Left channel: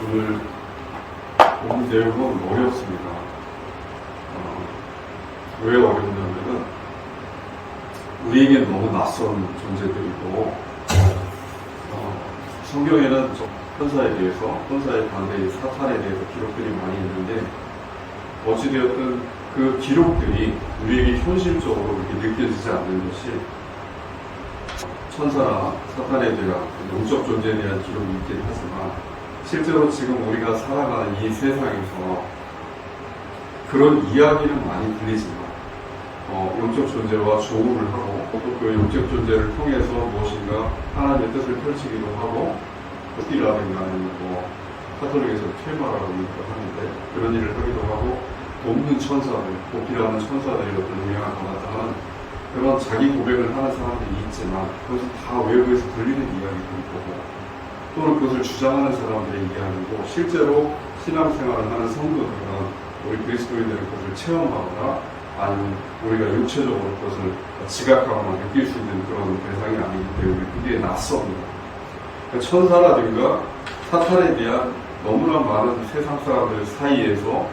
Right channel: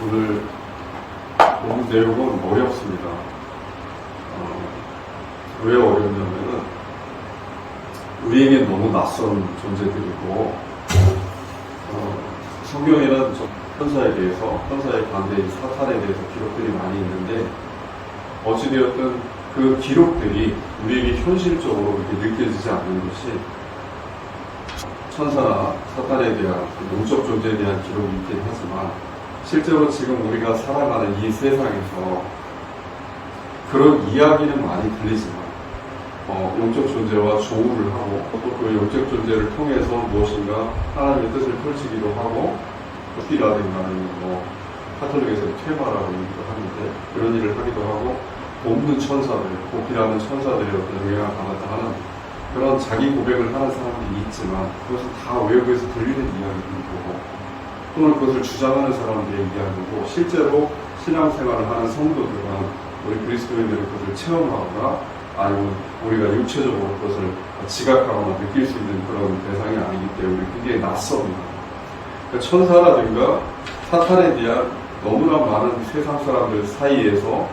오늘 본문 내용은 어렵습니다. 왜 어렵냐면은 우리에게 너무 낯선 존재들이고 성경에는 천사에 대해서, 천사의 반대인 사탄에 대해서 기록들이 많이 있는데 어찌되었든 그 기록들이 우리에게 현실적으로 이렇게 느껴지지 않는 것이 천사나 사탄에 대한 영적 존재에 대한 기록이 있긴 하지만 실제로 지금 우리가 살아가는 이 세상에서 그런 이야기는 많이 들리지만 영적 존재와 조우를 하고 또 그 영적 존재를 통해서 무엇인가 하나님의 뜻을 펼치기도 하고 띠라든가 뭐 카톨릭에서 퇴마라고 얘기도 하는데 그런 일을 하기도 하고 돕는 천사들, 보필하는 천사들이 어떤 영향을 받았다 하는 그런 자기 고백을 하는 사람들이 있지만 그것은 다 외부에서 들리는 이야기이고 또는 그것을 주장하는 사람들의 이야기고 실제로 신앙생활을 하는 성도들은 우리 그리스도인들은 그것을 체험하거나 아니면 우리가 육체적으로 그것을 지각하거나 느낄 수 있는 그런 대상이 아니기 때문에 굉장히 낯섭니다. 그러니까 천사라든가 사탄에 대한 너무나 많은 세상 사람들 사이에서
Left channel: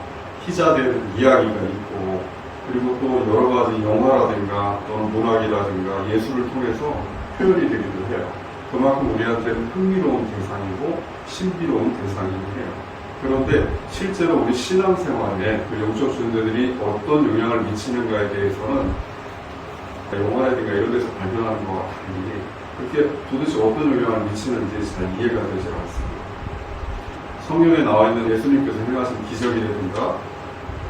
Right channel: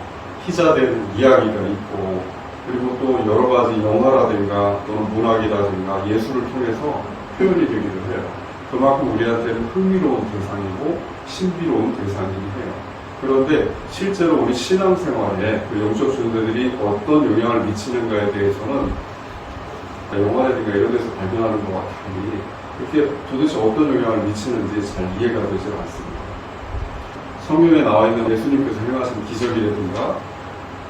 희자되는 이야기가 있고 그리고 또 여러 가지 영화라든가 또는 문학이라든가 예술을 통해서 표현이 되기도 해요. 그만큼 우리한테는 흥미로운 대상이고 신비로운 대상이기도 해요. 그런데 실제로 우리 신앙생활에 그 영적 존재들이 어떤 영향을 미치는가에 대해서는 영화라든가 이런 데서 발견하는 것과 달리 그렇게 도대체 어떤 영향을 미치는지 잘 이해가 되지 않습니다. 성경에 나와 있는 예수님께서 행하신 기적이라든가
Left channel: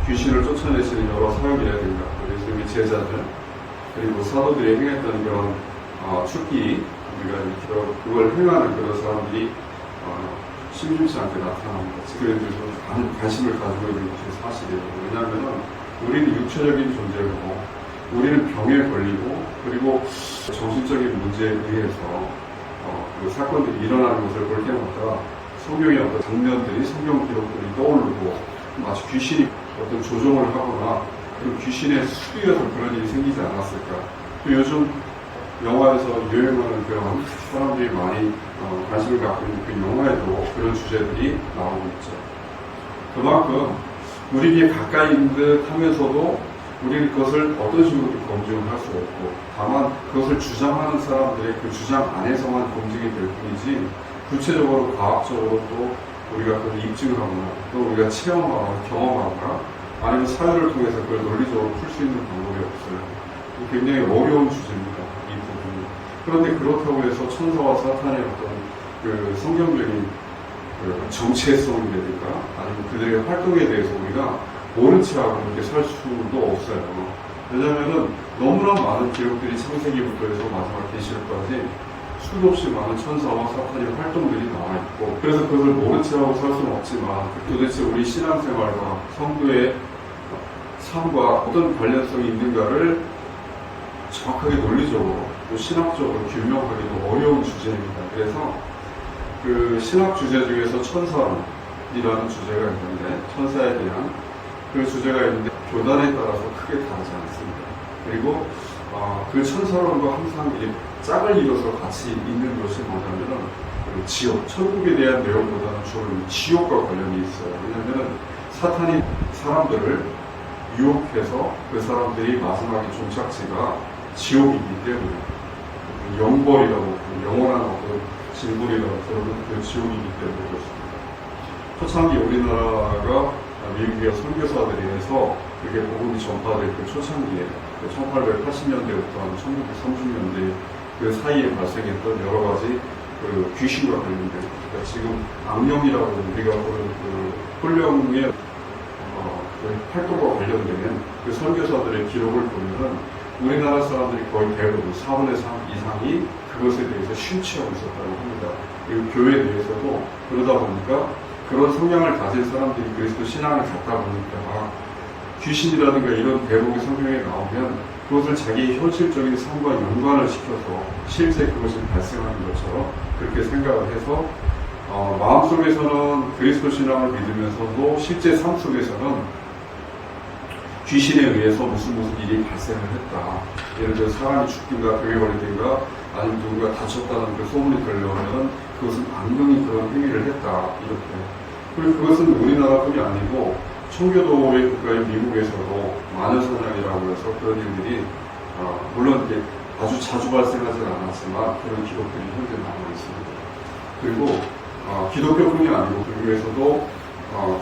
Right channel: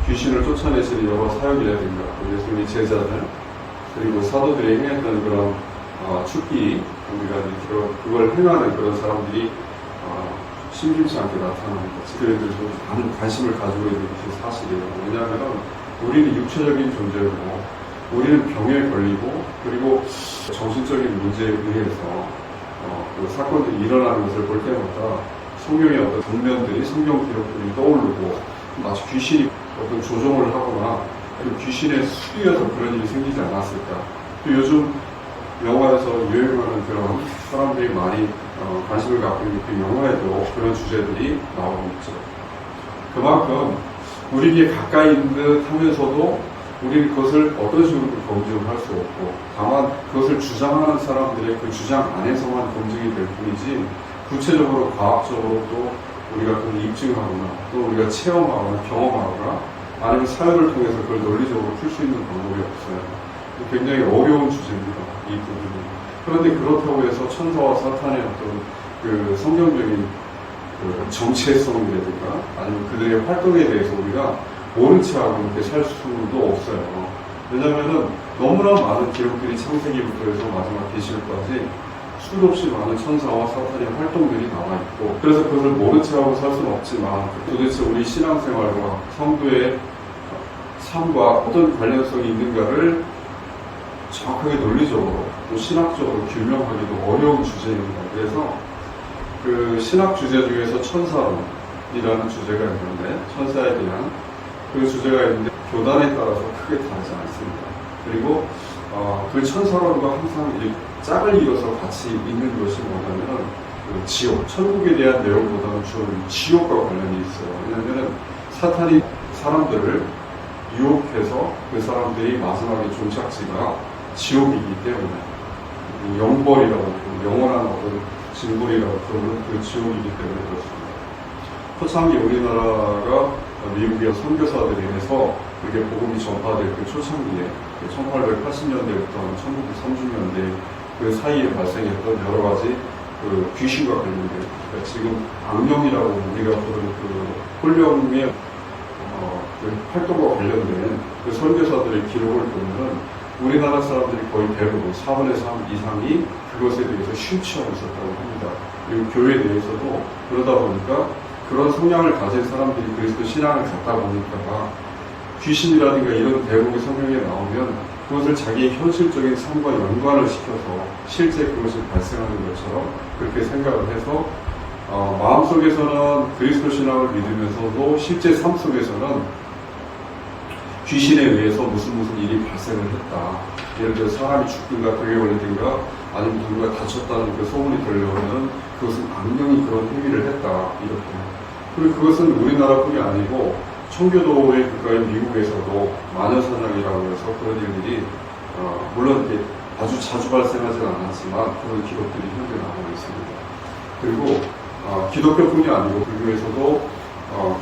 귀신을 쫓아내시는 여러 사역이라든가 또 예수님의 제자들 그리고 사도들이 행했던 그런 축기 우리가 그걸 행하는 그런 사람들이 심심치 않게 나타납니다. 그들도 많은 관심을 가지고 있는 것이 사실이에요. 왜냐하면 우리는 육체적인 존재고 우리는 병에 걸리고 그리고 정신적인 문제에 의해서 그 사건들이 일어나는 것을 볼 때마다 성경의 어떤 장면들이 성경 기록들이 떠오르고 마치 귀신이 어떤 조종을 하거나 그 귀신에 수리어서 그런 일이 생기지 않았을까. 또 요즘 영화에서 유행하는 그런 사람들이 많이 관심을 갖고 있는 그 영화에도 그런 주제들이 나오고 있죠. 그만큼 우리에게 가까이 있는 듯 하면서도 우리는 그것을 어떤 식으로 검증할 수 없고 다만 그것을 주장하는 사람들의 그 주장 안에서만 검증이 될 뿐이지 구체적으로 과학적으로 또 우리가 그걸 입증하거나 또 우리가 체험하거나 경험하거나 아니면 사회를 통해서 그걸 논리적으로 풀 수 있는 방법이 없어요. 굉장히 어려운 주제입니다. 이 부분이. 그런데 그렇다고 해서 천사와 사탄의 어떤 그 성경적인 그 정체성이라든가 아니면 그들의 활동에 대해서 우리가 모른 체하고 이렇게 살 수도 없어요. 왜냐하면 너무나 많은 기록들이 창세기부터 해서 마지막 계시록까지 수도 없이 많은 천사와 사탄의 활동들이 나와 있고 그래서 그것을 모른 체하고 살 수는 없지만 도대체 우리 신앙생활과 성도의 삶과 어떤 관련성이 있는가를 정확하게 논리적으로 또 신학적으로 규명하기도 어려운 주제입니다. 그래서 그 신학 주제 중에서 천사론이라는 주제가 있는데 천사에 대한 그 주제가 있는데 교단에 따라서 크게 다르지 않습니다. 그리고 그 천사론과 항상 이렇게 짝을 이어서 같이 있는 것이 뭐냐면은 그 지옥, 천국에 대한 내용보다는 주로 지옥과 관련이 있어요. 왜냐하면은 사탄이 사람들을 유혹해서 그 사람들이 마지막에 종착지가 지옥이기 때문에 영벌이라고 영원한 어떤 징벌이라고 부르는 그 지옥이기 때문에 그렇습니다. 초창기 우리나라가 미국의 선교사들에 의해서 그렇게 복음이 전파될 그 초창기에 1880년대부터 1930년대 그 사이에 발생했던 여러 가지 그 귀신과 관련된 그러니까 지금 악령이라고 우리가 부르는 그 홀령의 그 활동과 관련된 그 선교사들의 기록을 보면은 우리나라 사람들이 거의 대부분 4분의 3 이상이 그것에 대해서 심취하고 있었다고 합니다. 그리고 교회에 대해서도 그러다 보니까 그런 성향을 가진 사람들이 그리스도 신앙을 갖다 보니까 귀신이라든가 이런 대목의 성경에 나오면 그것을 자기의 현실적인 삶과 연관을 시켜서 실제 그것이 발생하는 것처럼 그렇게 생각을 해서 마음속에서는 그리스도 신앙을 믿으면서도 실제 삶 속에서는 귀신에 의해서 무슨 일이 발생을 했다. 예를 들어 사람이 죽든가 병에 걸리든가 아니면 누군가 다쳤다는 그 소문이 들려오면 그것은 악령이 그런 행위를 했다. 이렇게 그리고 그것은 우리나라뿐이 아니고 청교도의 국가인 미국에서도 마녀사냥이라고 해서 그런 일들이 물론 이게 아주 자주 발생하지는 않았지만 그런 기록들이 현재 남아 있습니다. 그리고 기독교뿐이 아니고 불교에서도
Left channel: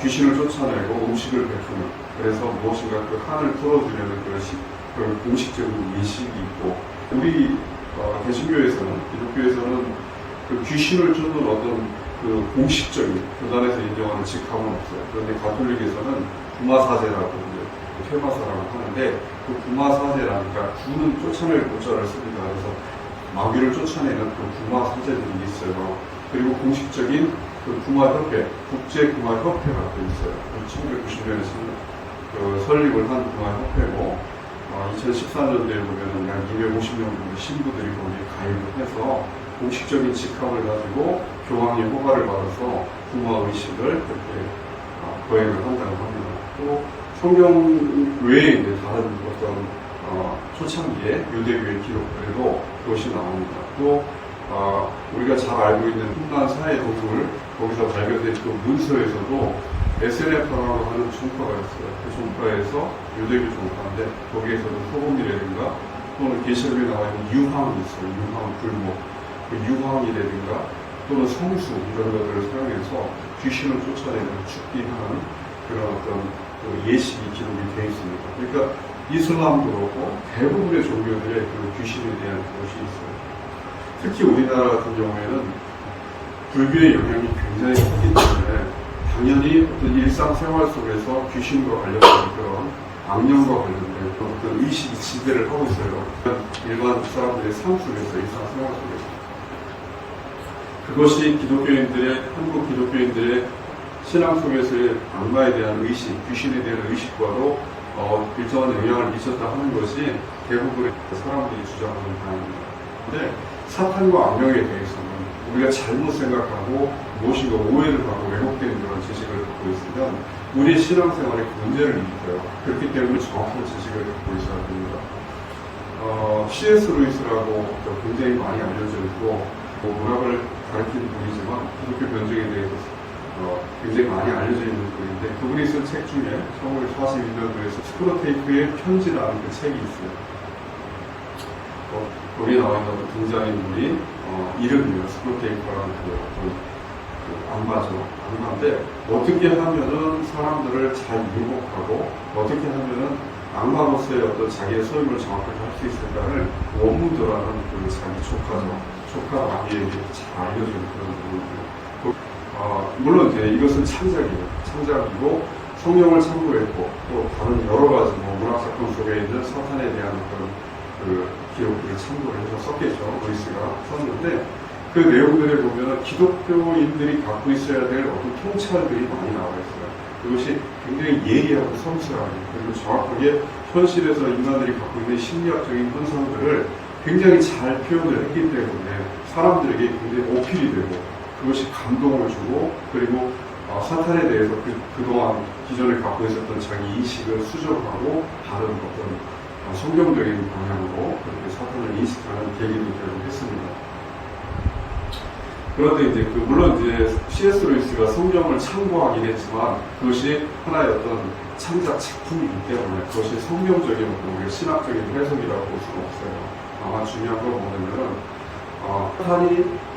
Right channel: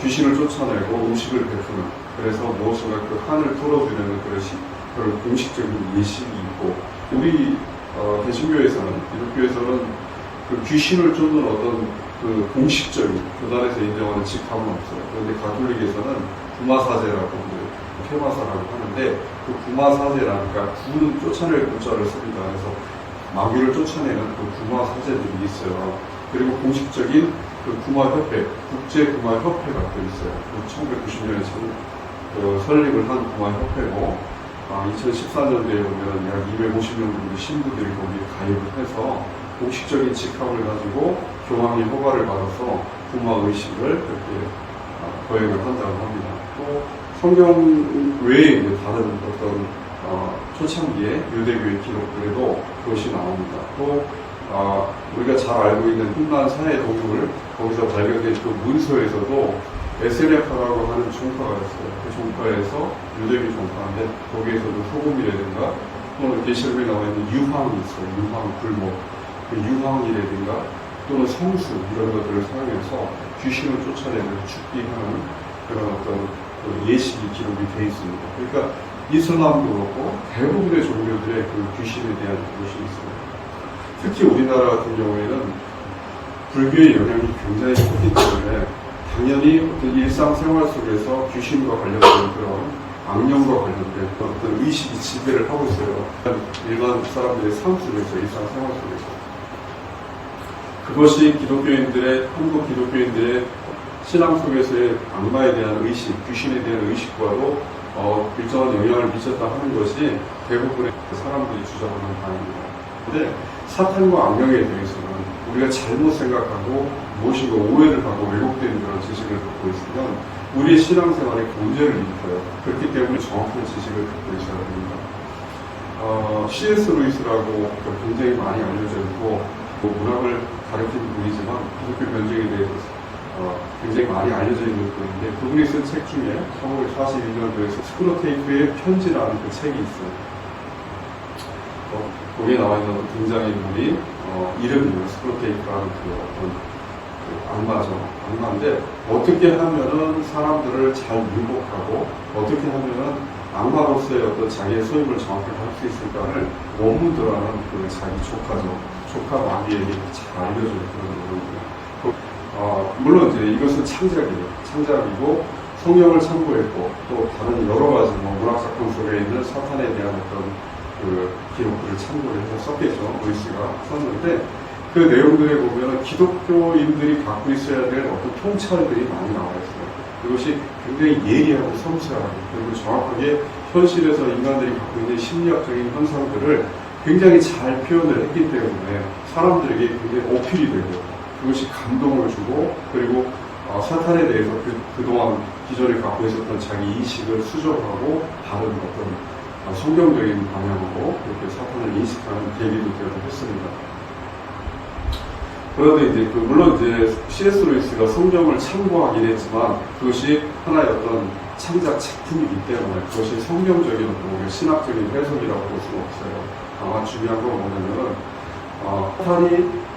귀신을 쫓아내고 음식을 베푸는, 그래서 무엇인가 그 한을 풀어주려는 그런 공식적인 예식이 있고, 우리 개신교에서는, 기독교에서는 그 귀신을 쫓는 어떤 그 공식적인 교단에서 인정하는 직함은 없어요. 그런데 가톨릭에서는 구마사제라고, 퇴마사라고 하는데, 그 구마사제라니까 구는 쫓아낼 구자를 씁니다. 그래서 마귀를 쫓아내는 그 구마사제들이 있어요. 그리고 공식적인 그 구마협회, 국제구마협회가 또 있어요. 1990년에 설립을 한 구마협회고, 2014년도에 보면 약 250명 정도 신부들이 거기에 가입을 해서 공식적인 직함을 가지고 교황의 허가를 받아서 구마 의식을 그렇게 거행을 한다고 합니다. 또 성경 외에 이제 다른 어떤 초창기의 유대교의 기록들에도 그것이 나옵니다. 또 우리가 잘 알고 있는 흉난 사회 도구를 거기서 발견된 그 문서에서도 에세레파라고 하는 종파가 있어요. 그 종파에서 유대교 종파인데 거기에서도 소금이라든가 또는 계시록에 나와 있는 유황이 있어요. 유황, 불목, 그 유황이라든가 또는 성수 이런 것들을 사용해서 귀신을 쫓아내는 죽기하는 그런 어떤 그 예식이 기록이 되어 있습니다. 그러니까 이슬람도 그렇고 대부분의 종교들의 그 귀신에 대한 것이 있어요. 특히 우리나라 같은 경우에는 불교의 영향이 굉장히 크기 때문에 당연히 어떤 일상생활 속에서 귀신과 관련된 그런 악령과 관련된 어떤 의식이 지배를 하고 있어요. 일반 사람들의 삶 속에서, 일상생활 속에서. 그것이 한국 기독교인들의 신앙 속에서의 악마에 대한 의식, 귀신에 대한 의식과도 일정한 영향을 미쳤다 하는 것이 대부분의 사람들이 주장하는 바입니다. 그런데 사탄과 악령에 대해서는 우리가 잘못 생각하고 무엇인가 오해를 하고 왜곡된 그런 지식을 갖고 있으면 우리의 신앙생활에 문제를 일으켜요. 그렇기 때문에 정확한 지식을 갖고 있어야 됩니다. C.S. 루이스라고 굉장히 많이 알려져 있고 문학을 가르치는 분이지만 기독교 변증에 대해서 굉장히 많이 알려져 있는 분인데, 그분이 쓴 책 중에 1942년도에 스크루테이프의 편지라는 그 책이 있어요. 거기에 나와 있는 등장인물이 이름이요, 스크루테이프라는 악마인데 어떻게 하면은 사람들을 잘 유혹하고 어떻게 하면은 악마로서의 어떤 자기의 소임을 정확히 할 수 있을까를 원문들어하는 그 자기 조카 마귀에게 잘 알려주는 그런 부분이에요. 물론 이제 이것은 창작이고 성경을 참고했고 또 다른 여러 가지 문학 작품 속에 있는 사탄에 대한 어떤 그 기록들을 참고를 해서 썼겠죠. 루이스가 썼는데 그 내용들에 보면 기독교인들이 갖고 있어야 될 어떤 통찰들이 많이 나와 있어요. 그것이 굉장히 예리하고 섬세하고 그리고 정확하게 현실에서 인간들이 갖고 있는 심리학적인 현상들을 굉장히 잘 표현을 했기 때문에 사람들에게 굉장히 어필이 되고 그것이 감동을 주고 그리고 사탄에 대해서 그동안 기존에 갖고 있었던 자기 인식을 수정하고 다른 어떤 성경적인 방향으로 그렇게 사탄을 인식하는 계기도 되고 했습니다. 그런데 이제 물론 이제 C.S. 루이스가 성경을 참고하긴 했지만 그것이 하나의 어떤 창작 작품이기 때문에 그것이 성경적인 어떤 신학적인 해석이라고 볼 수는 없어요. 다만 중요한 건 뭐냐면은 사탄이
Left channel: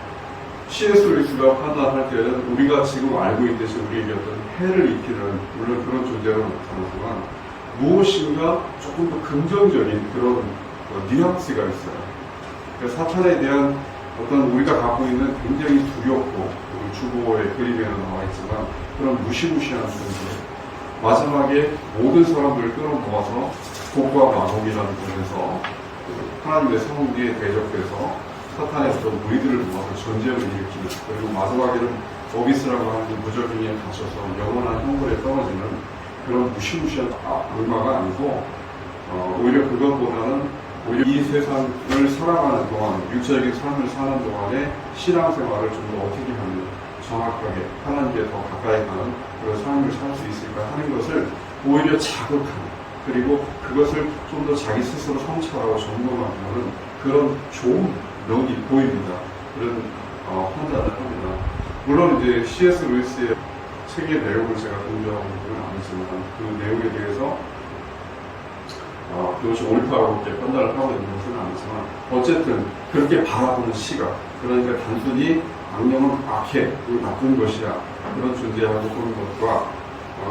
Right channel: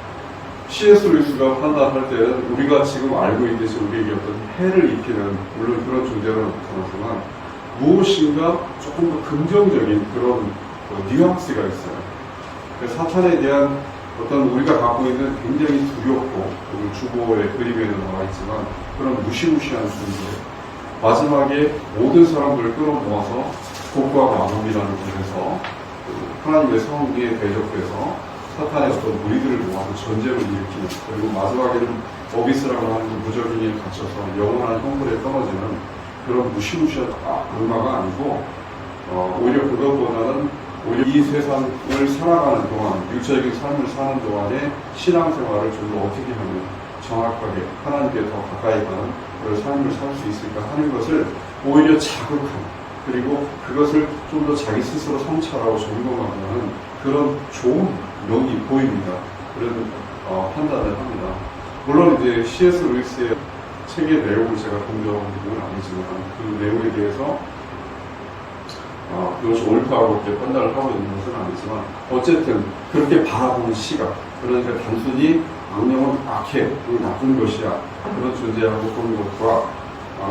C.S. 루이스가 판단할 때는 우리가 지금 알고 있듯이 우리에게 어떤 해를 입히는 물론 그런 존재는 없지만 무엇인가 조금 더 긍정적인 그런 뉘앙스가 있어요. 그러니까 사탄에 대한 어떤 우리가 갖고 있는 굉장히 두렵고 그리고 주보의 그림에는 나와 있지만 그런 무시무시한 존재 마지막에 모든 사람들을 끌어모아서 복과 마음이라는 곳에서 하나님의 성리에 대적해서 사탄의 어떤 무리들을 모아서 전쟁을 일으키는 그리고 마지막에는 어비스라고 하는 그 무적인에 갇혀서 영원한 형벌에 떨어지는 그런 무시무시한 악마가 아니고 오히려 그것보다는 오히려 이 세상을 살아가는 동안 육체적인 삶을 사는 동안에 신앙생활을 좀 더 어떻게 하면 정확하게 하나님께 더 가까이 가는 그런 삶을 살 수 있을까 하는 것을 오히려 자극하는 그리고 그것을 좀 더 자기 스스로 성찰하고 점검하는 그런 좋은 면이 보입니다. 그런 판단을 합니다. 물론 이제 C.S. 루이스의 책의 내용을 제가 동조하고 있는 건 아니지만 그 내용에 대해서 그것이 옳다고 이렇게 판단을 하고 있는 것은 아니지만 어쨌든 그렇게 바라보는 시각, 그러니까 단순히 악령은 악해, 나쁜 것이야 그런 존재하고 보는 것과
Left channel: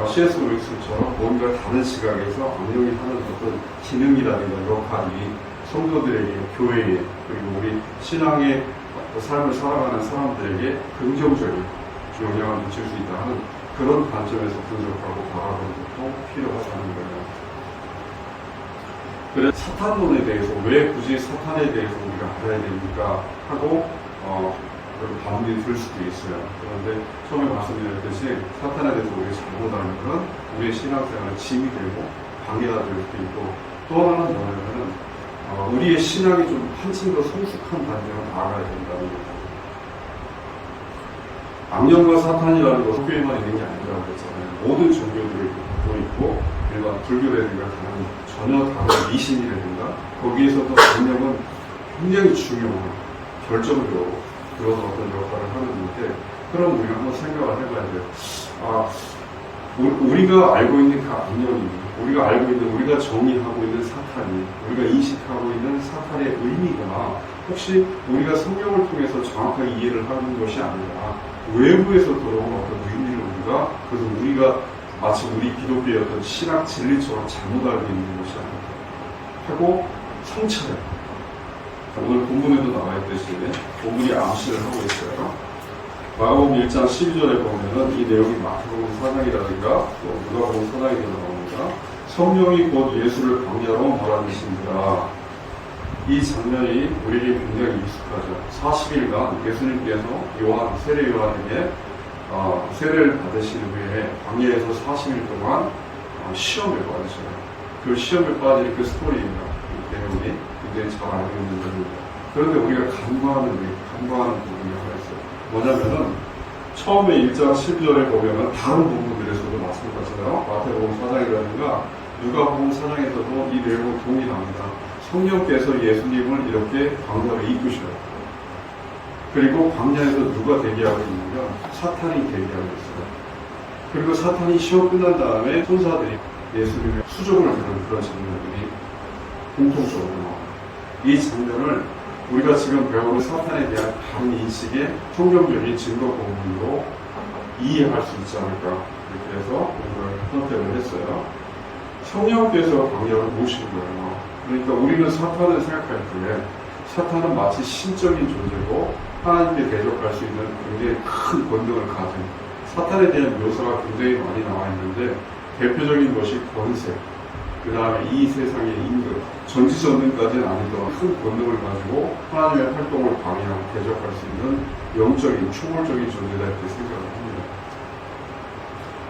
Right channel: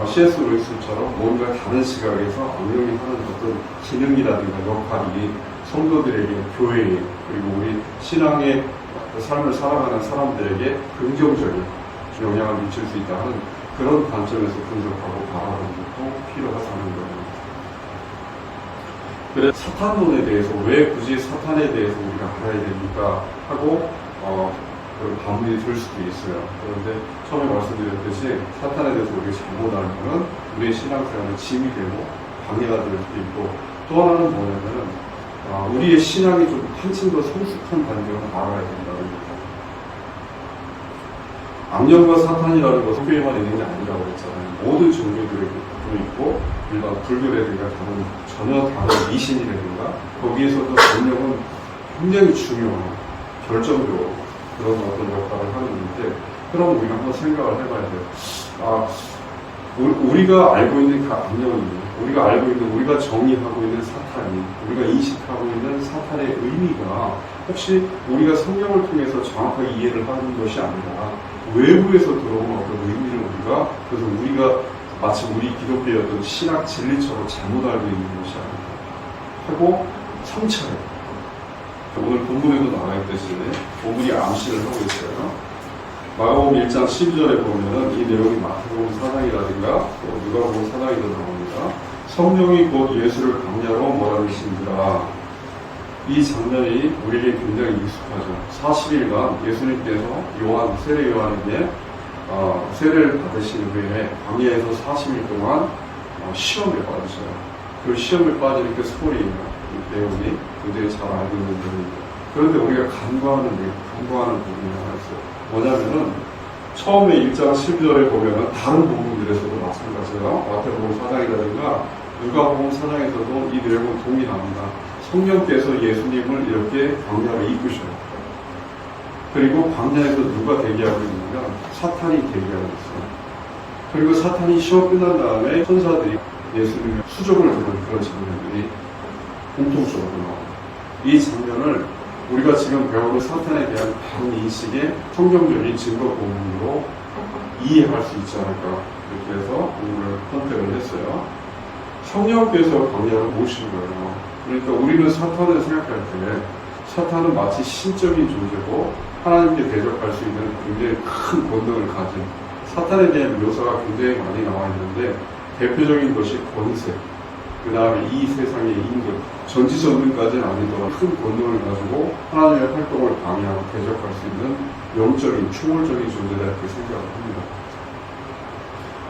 C.S. 루이스처럼 뭔가 다른 시각에서 악령이 하는 어떤 기능이라든가 역할이 성도들에게, 교회에, 그리고 우리 신앙의 삶을 살아가는 사람들에게 긍정적인 영향을 미칠 수 있다 하는 그런 관점에서 분석하고 바라보는 것도 필요하다는 거예요. 그래서 사탄론에 대해서 왜 굳이 사탄에 대해서 우리가 알아야 됩니까? 하고 반문이 들 수도 있어요. 그런데 처음에 말씀드렸듯이 사탄에 대해서 우리가 잘못 알는 것은 우리의 신앙생활에 짐이 되고 방해가 될 수도 있고 또 하나는 뭐냐면 우리의 신앙이 좀 한층 더 성숙한 단계로 나아가야 된다는 거죠. 악령과 사탄이라는 것은 교회만 있는 게 아니라고 했잖아요. 모든 종교들을 갖고 있고 일반 불교라든가 전혀 다른 미신이라든가 거기에서도 악령은 굉장히 중요한 결정적으로 그런 어떤 역할을 하는 건데 그럼 우리가 한번 생각을 해봐야 돼요. 우리가 알고 있는 그 악령이 우리가 알고 있는 우리가 정의하고 있는 사탄이 우리가 인식하고 있는 사탄의 의미가 혹시 우리가 성경을 통해서 정확하게 이해를 하는 것이 아니라 외부에서 들어온 어떤 의미를 그래서 우리가 마치 우리 기독교의 어떤 신학 진리처럼 잘못 알고 있는 것이 아니라 하고 성찰해. 오늘 본문에도 나와 있듯이 본문이 암시를 하고 있어요. 마가복음 1장 12절에 보면은 이 내용이 마태복음 4장이라든가 누가복음 4장에도 나옵니다. 성령이 곧 예수를 광야로 몰아내신지라. 이 장면이 우리에게 굉장히 익숙하죠. 40일간 예수님께서 세례 요한에게 세례를 받으신 후에 광야에서 40일 동안 시험에 빠지잖아요. 그 시험에 빠지는 그 스토리가 그 내용이 굉장히 잘 알고 있는 내용입니다. 그런데 우리가 간과하는 부분이 하나 있어요. 뭐냐면은 처음에 1장 12절에 보면은 다른 본문들에서도 마찬가지예요. 마태복음 4장이라든가 누가복음 4장에서도 이 내용은 동일합니다. 성령께서 예수님을 이렇게 광야로 이끄셔요. 그리고 광야에서 누가 대기하고 있냐면 사탄이 대기하고 있어요. 그리고 사탄이 시험 끝난 다음에 천사들이 예수님의 수족을 두는 그런 장면들이 공통적으로 나와요. 이 장면을 우리가 지금 배우는 사탄에 대한 다른 인식의 성경적인 증거 부분으로 이해할 수 있지 않을까 이렇게 해서 오늘 선택을 했어요. 성령께서 광야로 모신 거예요. 그러니까 우리는 사탄을 생각할 때 사탄은 마치 신적인 존재고 하나님께 대적할 수 있는 굉장히 큰 권능을 가진 사탄에 대한 묘사가 굉장히 많이 나와 있는데 대표적인 것이 권세, 그 다음에 이 세상의 임금, 전지전능까지는 아니더라도 큰 권능을 가지고 하나님의 활동을 방해하고 대적할 수 있는 영적인, 초월적인 존재다 이렇게 생각을 합니다.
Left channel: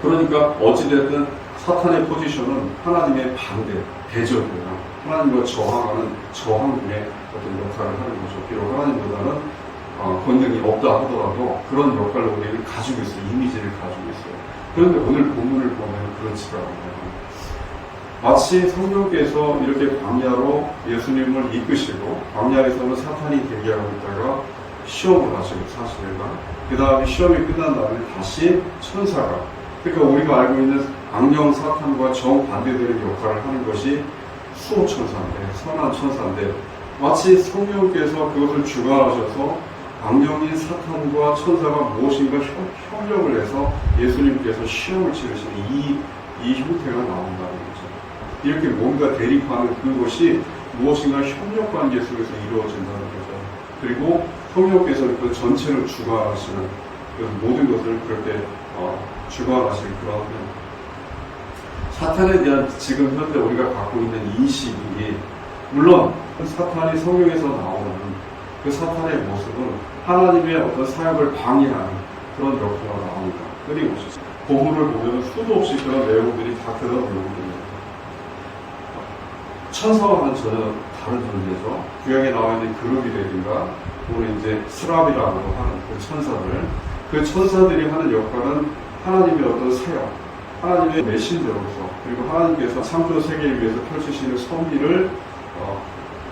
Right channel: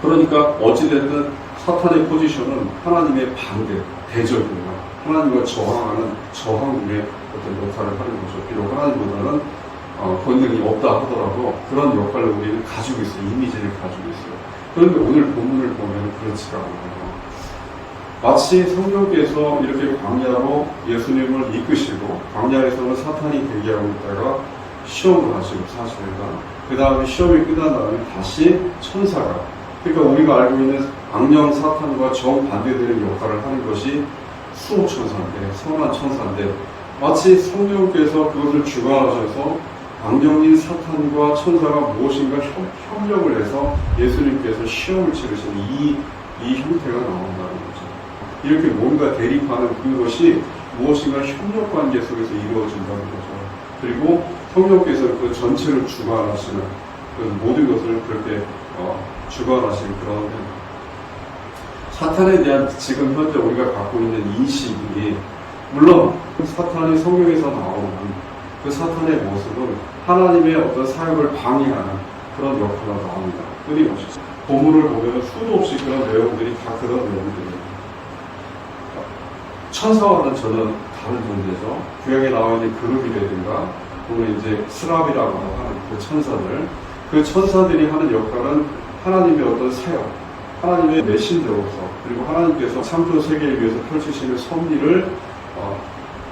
그러니까 어찌됐든 사탄의 포지션은 하나님의 반대, 대적이에요. 하나님과 저항하는 저항군의 어떤 역할을 하는 거죠. 비록 하나님보다는 권능이 없다 하더라도 그런 역할을 우리는 가지고 있어요. 이미지를 가지고 있어요. 그런데 오늘 본문을 보면 그렇지가 않아요. 마치 성령께서 이렇게 광야로 예수님을 이끄시고 광야에서는 사탄이 대기하고 있다가 시험을 하시고 40일간 그 다음에 시험이 끝난 다음에 다시 천사가 그러니까 우리가 알고 있는 악령 사탄과 정반대되는 역할을 하는 것이 수호천사인데 선한 천사인데 마치 성령께서 그것을 주관하셔서 악령인 사탄과 천사가 무엇인가 협력을 해서 예수님께서 시험을 치르시는 이 형태가 나온다는 거죠. 이렇게 뭔가 대립하는 그것이 무엇인가 협력 관계 속에서 이루어진다는 거죠. 그리고 성령께서 그 전체를 주관하시는 그래서 모든 것을 그렇게 주관하시는 그런 사탄에 대한 지금 현재 우리가 갖고 있는 인식이 물론 그 사탄이 성령에서 나오는 그 사탄의 모습은 하나님의 어떤 사역을 방해하는 그런 역할로 나옵니다. 끊임없이 본문을 보면 수도 없이 그런 내용들이 다 그런 내용들입니다. 천사와는 전혀 다른 존재죠. 구약에 나와 있는 그룹이라든가 또는 이제 스랍이라고 하는 그 천사들이 하는 역할은 하나님의 어떤 사역, 하나님의 메신저로서 그리고 하나님께서 창조 세계를 위해서 펼치시는 섭리를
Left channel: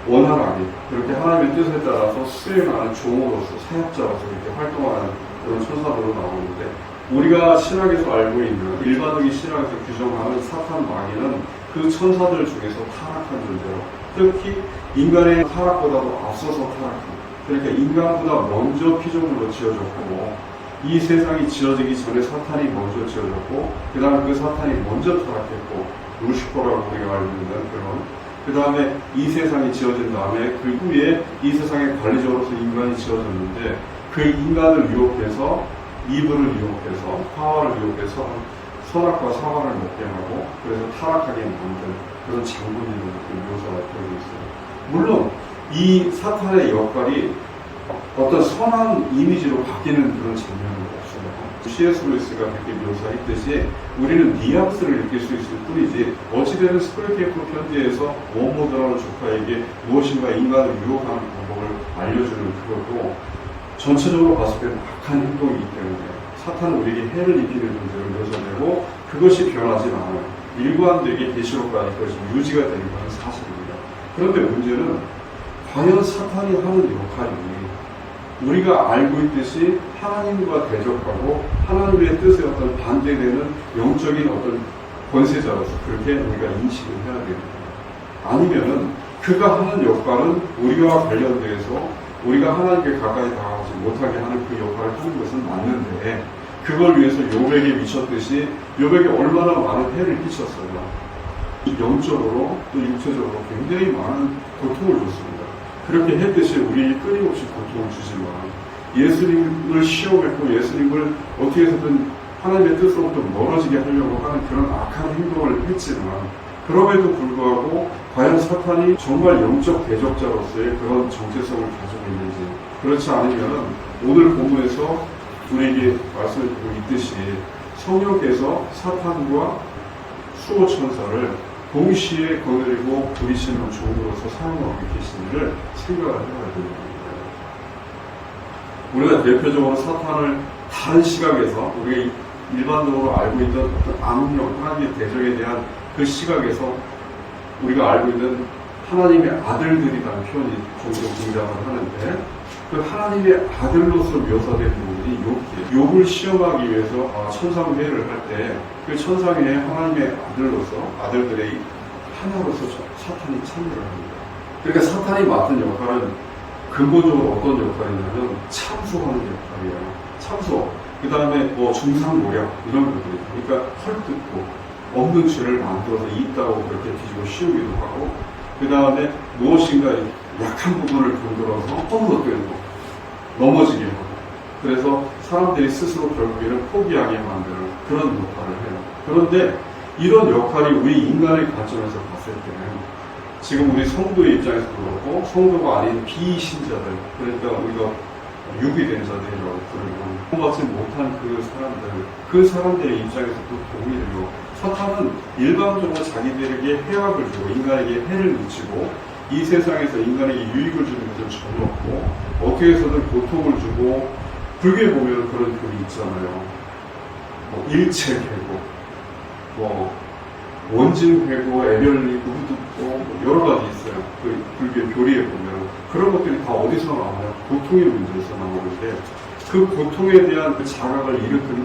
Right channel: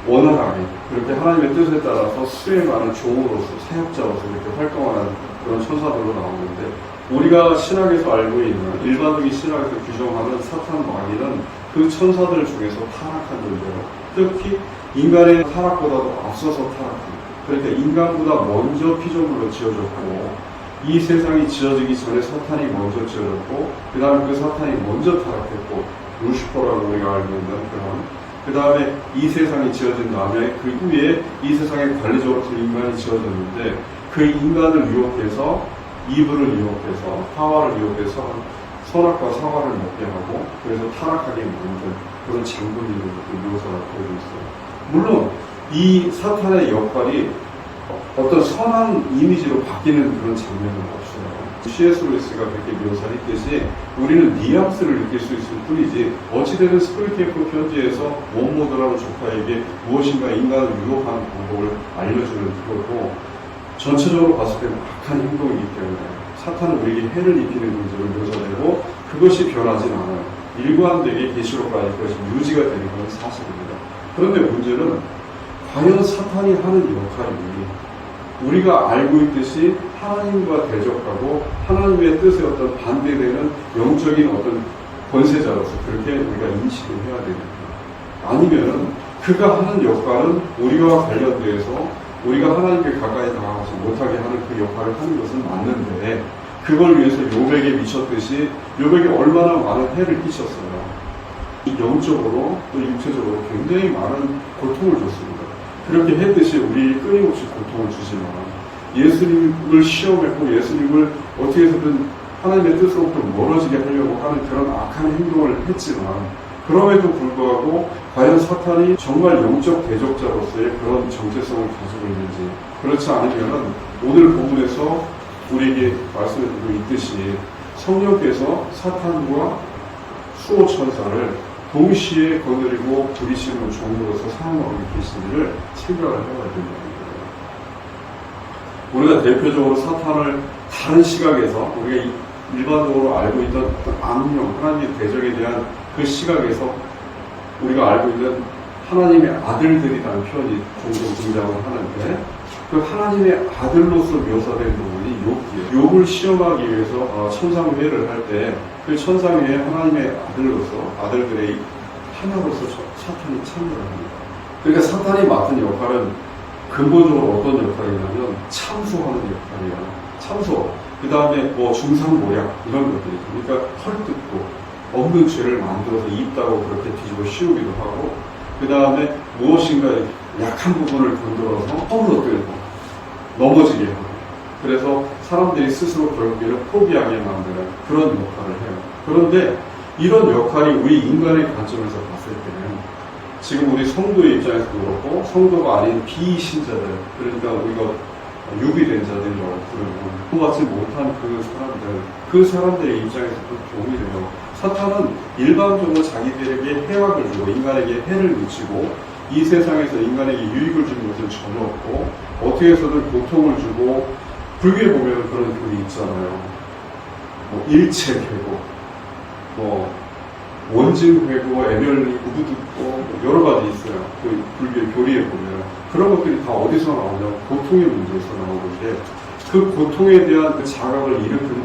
원활하게 그렇게 하나님의 뜻에 따라서 수행하는 종으로서 사역자로서 이렇게 활동하는 그런 천사들로 나오는데 우리가 신학에서 알고 있는 일반적인 신학에서 규정하는 사탄 마귀는 그 천사들 중에서 타락한 존재로, 특히 인간의 타락보다도 앞서서 타락한, 그러니까 인간보다 먼저 피조물로 지어졌고, 이 세상이 지어지기 전에 사탄이 먼저 지어졌고, 그 다음에 그 사탄이 먼저 타락했고, 루시퍼라고 우리가 알고 있는 그 다음에 이 세상이 지어진 다음에 그 후에 이 세상의 관리자로서 인간이 지어졌는데, 그 인간을 유혹해서, 이브를 유혹해서, 하와를 유혹해서 선악과 사과를 먹게 하고, 그래서 타락하게 만든 그런 장군이라고 묘사가 되어 있어요. 물론 이 사탄의 역할이 어떤 선한 이미지로 바뀌는 그런 장면은 없어요. C.S. 루이스가 그렇게 묘사했듯이 우리는 뉘앙스를 느낄 수 있을 뿐이지, 어찌되든 스프링캠프 편지에서 원모드라는 조카에게 무엇인가 인간을 유혹하는 방법을 알려주는 그것도 전체적으로 봤을 때는 악한 행동이기 때문에 사탄은 우리에게 해를 입히는 존재를 묘사되고, 그것이 변하진 않아요. 일관되게 계시록까지 그것이 유지가 되는 것은 사실입니다. 그런데 문제는 과연 사탄이 하는 역할이 우리가 알고 있듯이 하나님과 대적하고 하나님의 뜻에 어떤 반대되는 영적인 어떤 권세자로서 그렇게 우리가 인식을 해야 됩니다. 아니면은 그가 하는 역할은 우리와 관련돼서 우리가 하나님께 가까이 다가가지 못하게 하는 그 역할을 하는 것은 맞는데, 그걸 위해서 욥에게 미쳤듯이 욥에게 얼마나 많은 해를 끼쳤어요. 영적으로 또 육체적으로 굉장히 많은 고통을 줬습니다. 그렇게 했듯이 우리 끊임없이 고통을 주지만, 예수님을 시험했고 예수님을 어떻게 해서든 하나님의 뜻으로부터 멀어지게 하려고 하는 그런 악한 행동을 했지만, 그럼에도 불구하고 과연 사탄이 정말 영적 대적자로서의 그런 정체성을 가지고 있는지, 그렇지 않으면 오늘 본문에서 우리에게 말씀해주고 있듯이 성령께서 사탄과 수호천사를 동시에 거느리고 부리시는 종으로서 사용하고 계시니를 생각을 해야 됩니다. 우리가 대표적으로 사탄을 다른 시각에서 우리가 일반적으로 알고 있던 어떤 악령, 하나님의 대적에 대한 그 시각에서 우리가 알고 있는 하나님의 아들들이라는 표현이 종종 등장을 하는데, 그 하나님의 아들로서 묘사된 부분이 욥이에요. 욥을 시험하기 위해서 천상회를 할 때 그 천상회에 하나님의 아들로서, 아들들의 하나로서 사탄이 참여를 합니다. 그러니까 사탄이 맡은 역할은 근본적으로 어떤 역할이냐면 참소하는 역할이에요. 참소. 그 다음에 중상모략 이런 것들이, 그러니까 헐뜯고 없는 죄를 만들어서 있다고 그렇게 뒤집어 씌우기도 하고, 그 다음에 무엇인가 약한 부분을 건드려서 허물어뜨리고 넘어지게 하고, 그래서 사람들이 스스로 결국에는 포기하게 만드는 그런 역할을 해요. 그런데 이런 역할이 우리 인간의 관점에서 봤을 때는, 지금 우리 성도의 입장에서도 그렇고 성도가 아닌 비신자들, 그러니까 우리가 유비된 자들이라고 부르는 통받지 못한 그 사람들의 입장에서도 도움이 돼요. 사탄은 일반적으로 자기들에게 해악을 주고 인간에게 해를 미치고 이 세상에서 인간에게 유익을 주는 것은 전혀 없고, 어떻게 해서든 고통을 주고, 불교에 보면 그런 표현이 있잖아요. 일체계고, 원진회고, 애별리, 우부듣고, 여러 가지 있어요. 그 불교의 교리에 보면 그런 것들이 다 어디서 나오냐? 고통의 문제에서 나오는데, 그 고통에 대한 그 자각을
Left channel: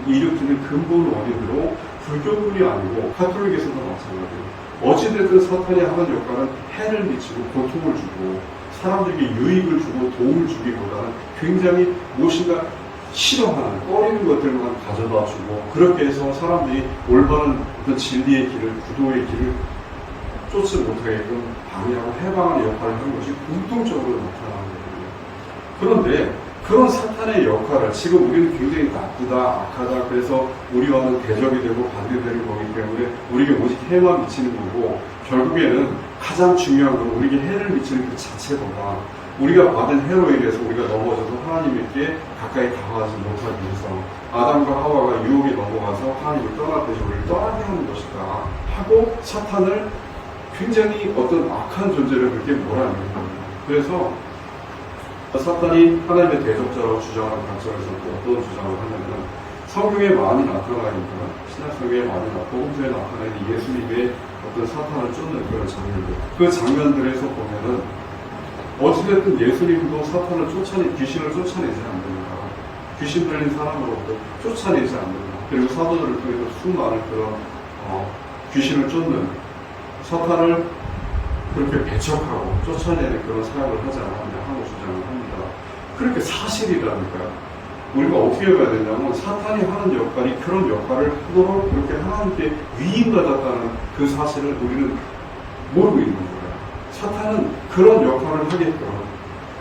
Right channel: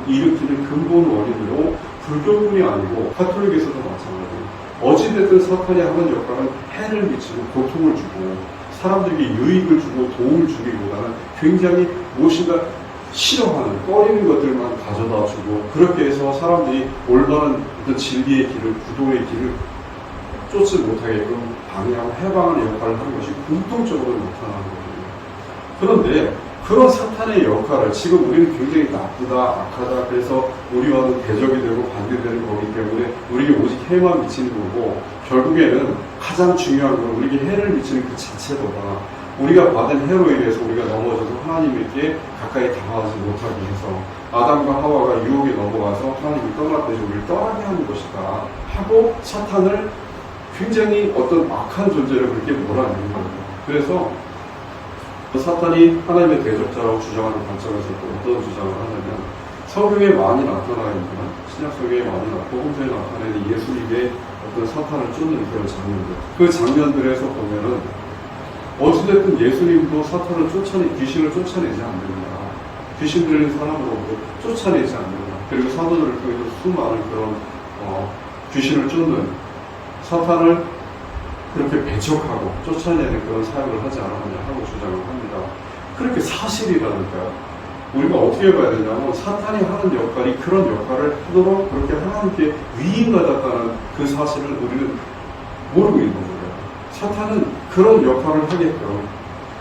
일으키는 근본 원인도 불교뿐이 아니고 가톨릭에서도 마찬가지예요. 어찌됐든 사탄이 하는 역할은 해를 미치고 고통을 주고 사람들에게 유익을 주고 도움을 주기보다는 굉장히 무엇인가 싫어하는, 꺼리는 것들만 가져다 주고, 그렇게 해서 사람들이 올바른 어떤 진리의 길을, 구도의 길을 쫓지 못하게끔 방해하고 해방하는 역할을 하는 것이 공통적으로 나타나는 거거든요. 그런데 그런 사탄의 역할을 지금 우리는 굉장히 나쁘다, 악하다, 그래서 우리와는 대적이 되고 반대되는 거기 때문에 우리에게 오직 해만 미치는 거고, 결국에는 가장 중요한 건 우리에게 해를 미치는 그 자체보다 우리가 받은 해로 인해서 우리가 넘어져서 하나님께 가까이 다가가지 못하게 해서 아담과 하와가 유혹에 넘어가서 하나님을 떠났더니 우리를 떠나게 하는 것이다 하고 사탄을 굉장히 어떤 악한 존재를 그렇게 몰아내는 겁니다. 그래서 사탄이 하나님의 대적자라고 주장하는 관점에서 또 어떤 주장을 하냐면, 성경에 많이 나타나 있는, 신약성경에 많이 복음서에 나타내는 예수님의 어떤 사탄을 쫓는 그런 장면들, 그 장면들에서 보면은 어찌됐든 예수님도 사탄을 귀신을 쫓아내지 않느냐, 귀신 들린 사람으로부터 쫓아내지 않느냐, 그리고 사도들을 통해서 수많은 그런 귀신을 쫓는 사탄을 그렇게 배척하고 쫓아내는 그런 사역을 하지 않았냐 하고 주장을 합니다. 그렇게 사실이라니까요. 우리가 어떻게 봐야 되냐면 사탄이 하는 역할이 그런 역할을 하도록 그렇게 하나님께 위임받았다는 그 사실을 우리는 모르고 있는 거예요. 사탄은 그런 역할을 하게끔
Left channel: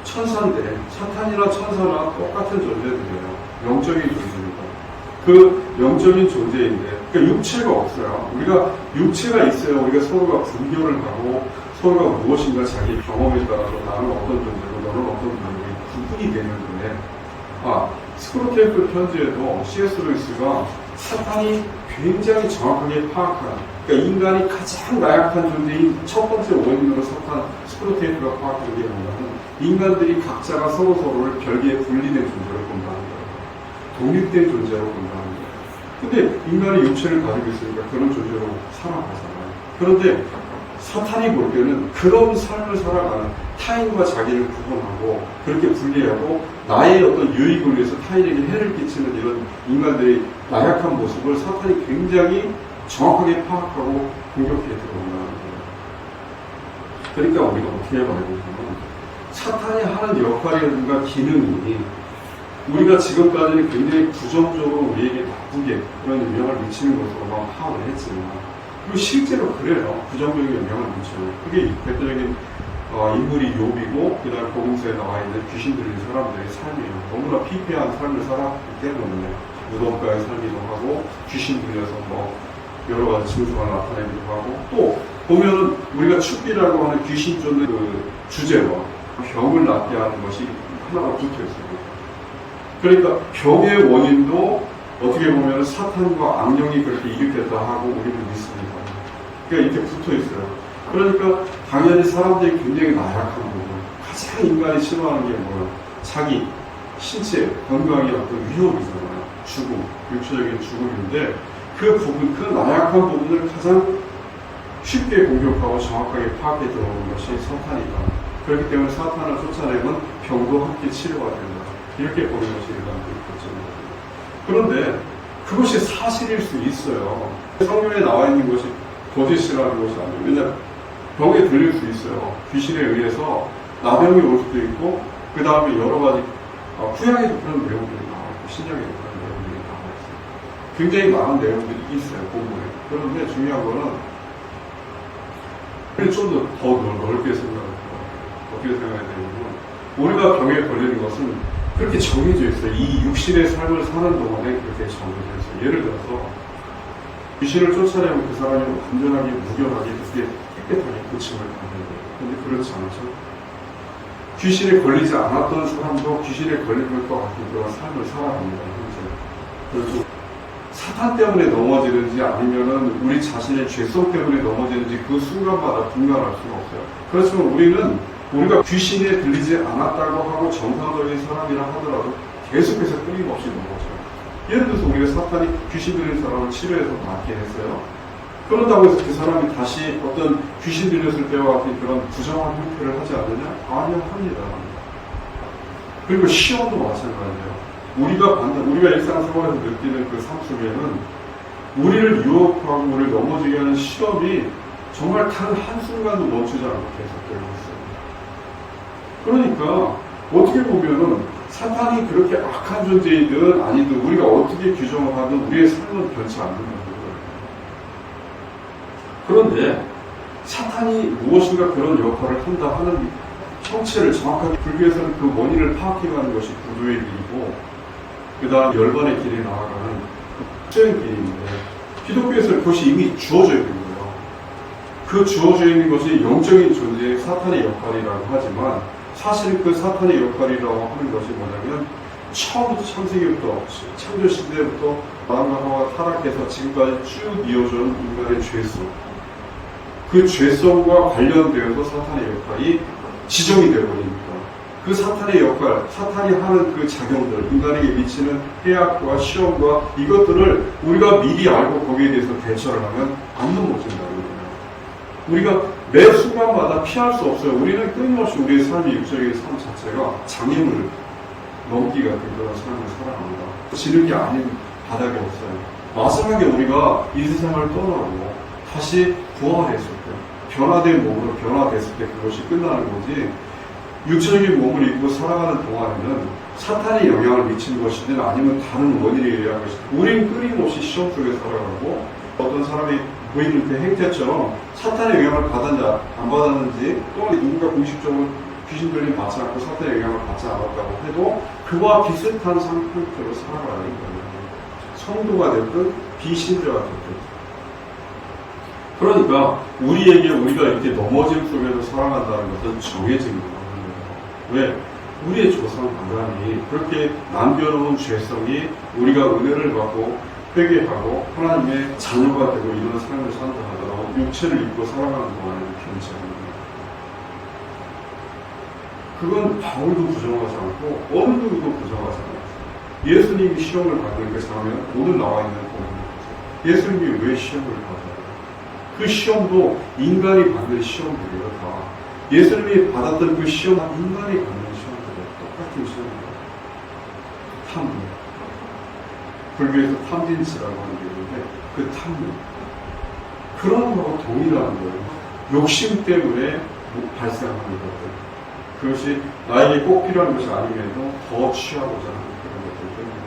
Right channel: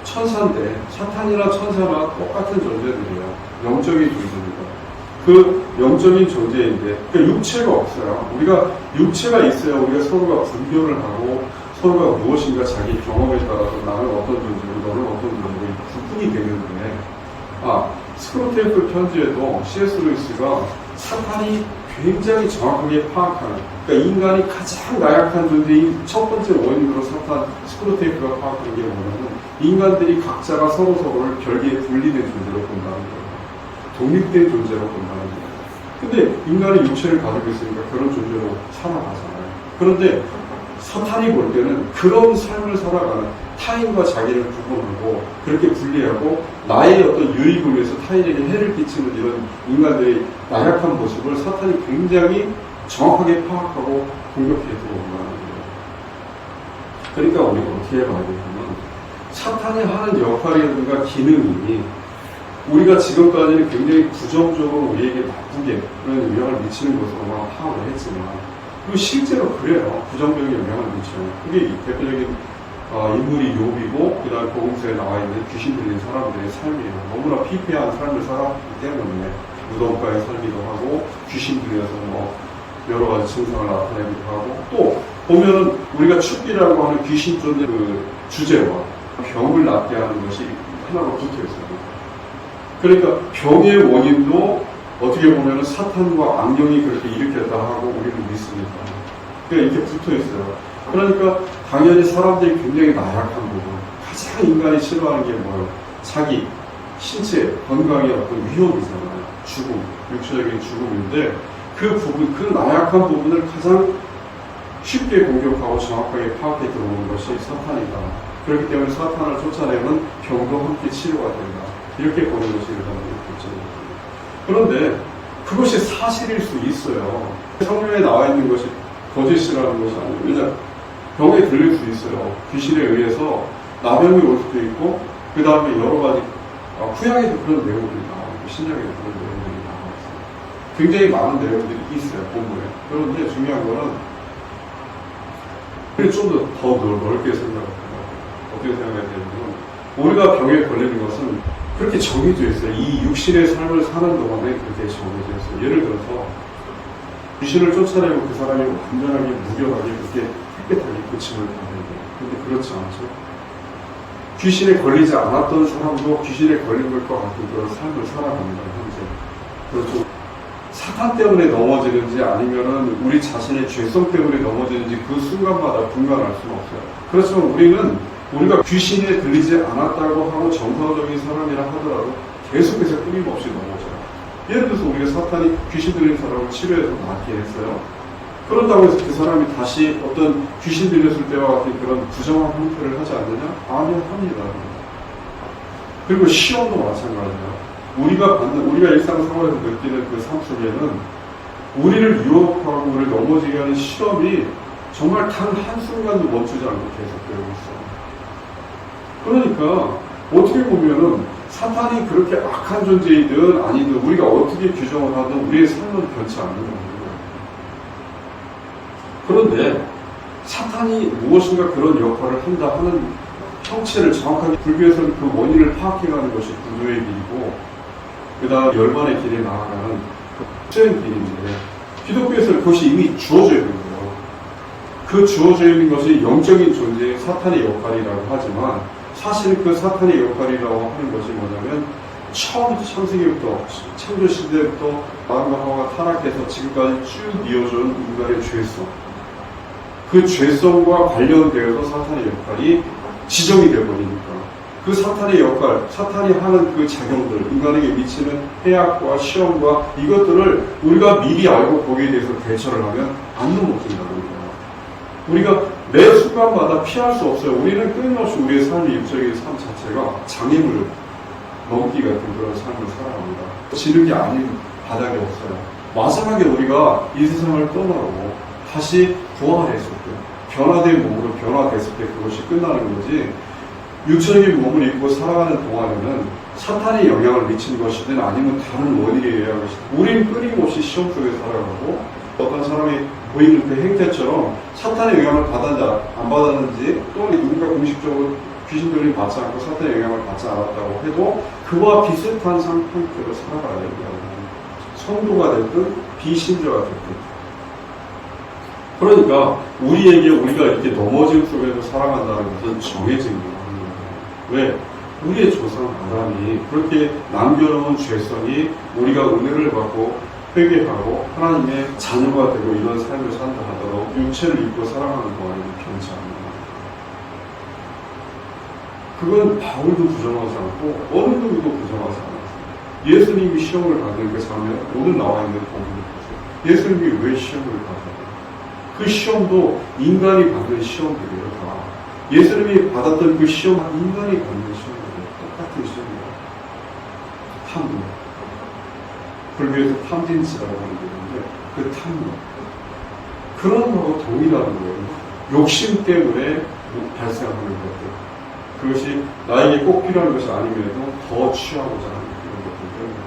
천사인데 사탄이나 천사나 똑같은 존재들이에요. 영적인 존재입니다. 그 영적인 존재인데 그러니까 육체가 없어요. 우리가 육체가 있어야 우리가 서로가 분별을 하고 서로가 무엇인가 자기 경험에 따라서 나는 어떤 존재로 너는 어떤 존재로 구분이 되는데 스크로테이프 편지에도 C.S. 루이스가 사탄이 굉장히 정확하게 파악하는 그러니까 인간이 가장 나약한 존재인 첫 번째 원인으로 스크로테이프가 파악한 게 뭐냐면 인간들이 각자가 서로를 별개의 분리된 존재로 본다는 거예요. 독립된 존재로 본다는 거예요. 근데 인간의 육체를 가지고 있으니까 그런 존재로 살아가잖아요. 그런데 사탄이 볼 때는 그런 삶을 살아가는 타인과 자기를 구분하고 그렇게 분리하고 나의 어떤 유익을 위해서 타인에게 해를 끼치는 이런 인간들의 나약한 모습을 사탄이 굉장히 정확하게 파악하고 공격해 들어온다는 거예요. 그러니까 우리가 어떻게 봐야 되냐면 사탄이 하는 역할이라든가 기능이 우리가 지금까지는 굉장히 부정적으로 우리에게 나쁘게 그런 영향을 미치는 것으로만 파악을 했지만 그리고 실제로 그래요. 부정적인 영향을 미쳐요. 그게 대표적인 인물이 욥이고 그 다음에 복음서에 나와 있는 귀신 들린 사람들의 삶이에요. 너무나 피폐한 삶을 살았기 때문에 무덤가의 살기도 하고 귀신 들려서 여러 가지 증상을 나타내기도 하고 또 보면은 우리가 축기라고 하는 귀신 쫓는 그 주제와 병을 낫게 하는 것이 하나가 붙어 있어요. 그러니까 병의 원인도 어떻게 보면 사탄과 악령이 그렇게 일으켰다 하고 우리는 믿습니다. 그러니까 이렇게 붙어 있어요. 그러니까 당연히 사람들이 굉장히 나약한 부분, 가장 인간이 싫어하는 게 뭐예요? 자기 신체 건강의 어떤 위험이잖아요. 죽음, 육체적인 죽음인데 그 부분, 그 나약한 부분을 가장 쉽게 공격하고 정확하게 파악해 들어오는 것이 사탄이다. 그렇기 때문에 사탄을 쫓아내면 병도 함께 치료가 된다. 이렇게 보는 것이 일반적인 관점입니다. 그런데 그것이 사실일 수 있어요. 성경에 나와 있는 것이 거짓이라는 것이 아니에요. 왜냐하면 병에 들릴 수 있어요. 귀신에 의해서 나병이 올 수도 있고 그 다음에 여러 가지 구약에도 그런 내용들이 나와요. 신약에도 그런 내용들이 나와 있어요. 굉장히 많은 내용들이 있어요. 본문에. 그런데 중요한 거는 우리 좀 더 넓게 생각합니다. 어떻게 생각해야 되냐면 우리가 병에 걸리는 것은 그렇게 정해져 있어요. 이 육신의 삶을 사는 동안에 그렇게 정해져 있어요. 예를 들어서 귀신을 쫓아내면 그 사람이 완전하게 무결하게 그렇게 깨끗하게 고침을 받는 거예요. 그런데 그렇지 않죠. 귀신에 걸리지 않았던 사람도 귀신에 걸린 것과 같은 그런 삶을 살아갑니다. 현재. 그렇죠. 사탄 때문에 넘어지는지 아니면은 우리 자신의 죄성 때문에 넘어지는지 그 순간마다 분간할 수는 없어요. 그렇지만 우리가 귀신에 들리지 않았다고 하고 정상적인 사람이라 하더라도 계속해서 끊임없이 넘어져요. 예를 들어서 우리가 사탄이 귀신 들린 사람을 치료해서 낫게 했어요. 그런다고 해서 그 사람이 다시 어떤 귀신 들렸을 때와 같은 그런 부정한 형태를 하지 않느냐? 아니요, 합니다. 그리고 시험도 마찬가지예요. 우리가 일상생활에서 느끼는 그 삶 속에는 우리를 유혹하고 우리를 넘어지게 하는 시험이 정말 단 한순간도 멈추지 않고 계속되고 있어요. 그러니까 어떻게 보면은 사탄이 그렇게 악한 존재이든 아니든 우리가 어떻게 규정을 하든 우리의 삶은 변치 않는 거예요. 그런데 사탄이 무엇인가 그런 역할을 한다 하는 형체를 정확하게 불교에서는 그 원인을 파악해가는 것이 구조의 길이고 그 다음 열반의 길에 나아가는 수행 길인데 기독교에서는 그것이 이미 주어져야 되는 거예요. 그 주어져 있는 것이 영적인 존재의 사탄의 역할이라고 하지만 사실 그 사탄의 역할이라고 하는 것이 뭐냐면 처음부터 창세기부터 창조 시대부터 아담과 하와가 타락해서 지금까지 쭉 이어져온 인간의 죄성 그 죄성과 관련되어서 사탄의 역할이 지정이 되어버리니까 그 사탄의 역할, 사탄이 하는 그 작용들, 인간에게 미치는 해악과 시험과 이것들을 우리가 미리 알고 거기에 대해서 대처를 하면 안 넘어진다는 거예요. 우리가 매 순간마다 피할 수 없어요. 우리는 끊임없이 우리의 삶의 육적인 삶 자체가 장애물 넘기 같은 그런 삶을 살아갑니다. 지는 게 아닌 바닥이 없어요. 마지막에 우리가 이 세상을 떠나고 다시 부활했을 때, 변화된 몸으로 변화됐을 때 그것이 끝나는 거지, 육체적인 몸을 입고 살아가는 동안에는 사탄의 영향을 미치는 것이든 아니면 다른 원인에 의한 것이든 우린 끊임없이 시험 속에 살아가고, 어떤 사람이 보이는 그 행태처럼 사탄의 영향을 받았는지 안 받았는지, 또는 누군가 공식적으로 귀신 들림 받지 않고 사탄의 영향을 받지 않았다고 해도 그와 비슷한 상태로 살아가야 된다는 거죠. 성도가 됐든 비신자가 됐든. 그러니까 우리에게 우리가 이렇게 넘어짐 속에서 살아간다는 것은 정해진 거예요. 왜? 우리의 조상 아담이 그렇게 남겨놓은 죄성이 우리가 은혜를 받고 회개하고 하나님의 자녀가 되고 이런 삶을 산다 하더라도 육체를 입고 살아가는 동안에는 변치 않는 거예요. 그건 바울도 부정하지 않고 어느 누구도 부정하지 않았어요. 예수님이 시험을 받는 그 장면, 오늘 나와 있는 본문을 보세요. 예수님이 왜 시험을 받아요? 그 시험도 인간이 받는 시험들이에요. 다. 예수님이 받았던 그 시험은 인간이 받는 시험들이에요. 똑같은 시험이에요. 탐욕. 불교에서 탐진치라고 하는 게 있는데 그 탐욕. 그런 거하고 동일하는 거예요. 욕심 때문에 발생하는 것들. 그것이 나에게 꼭 필요한 것이 아님에도 더 취하고자 하는 그런 것들 때문에.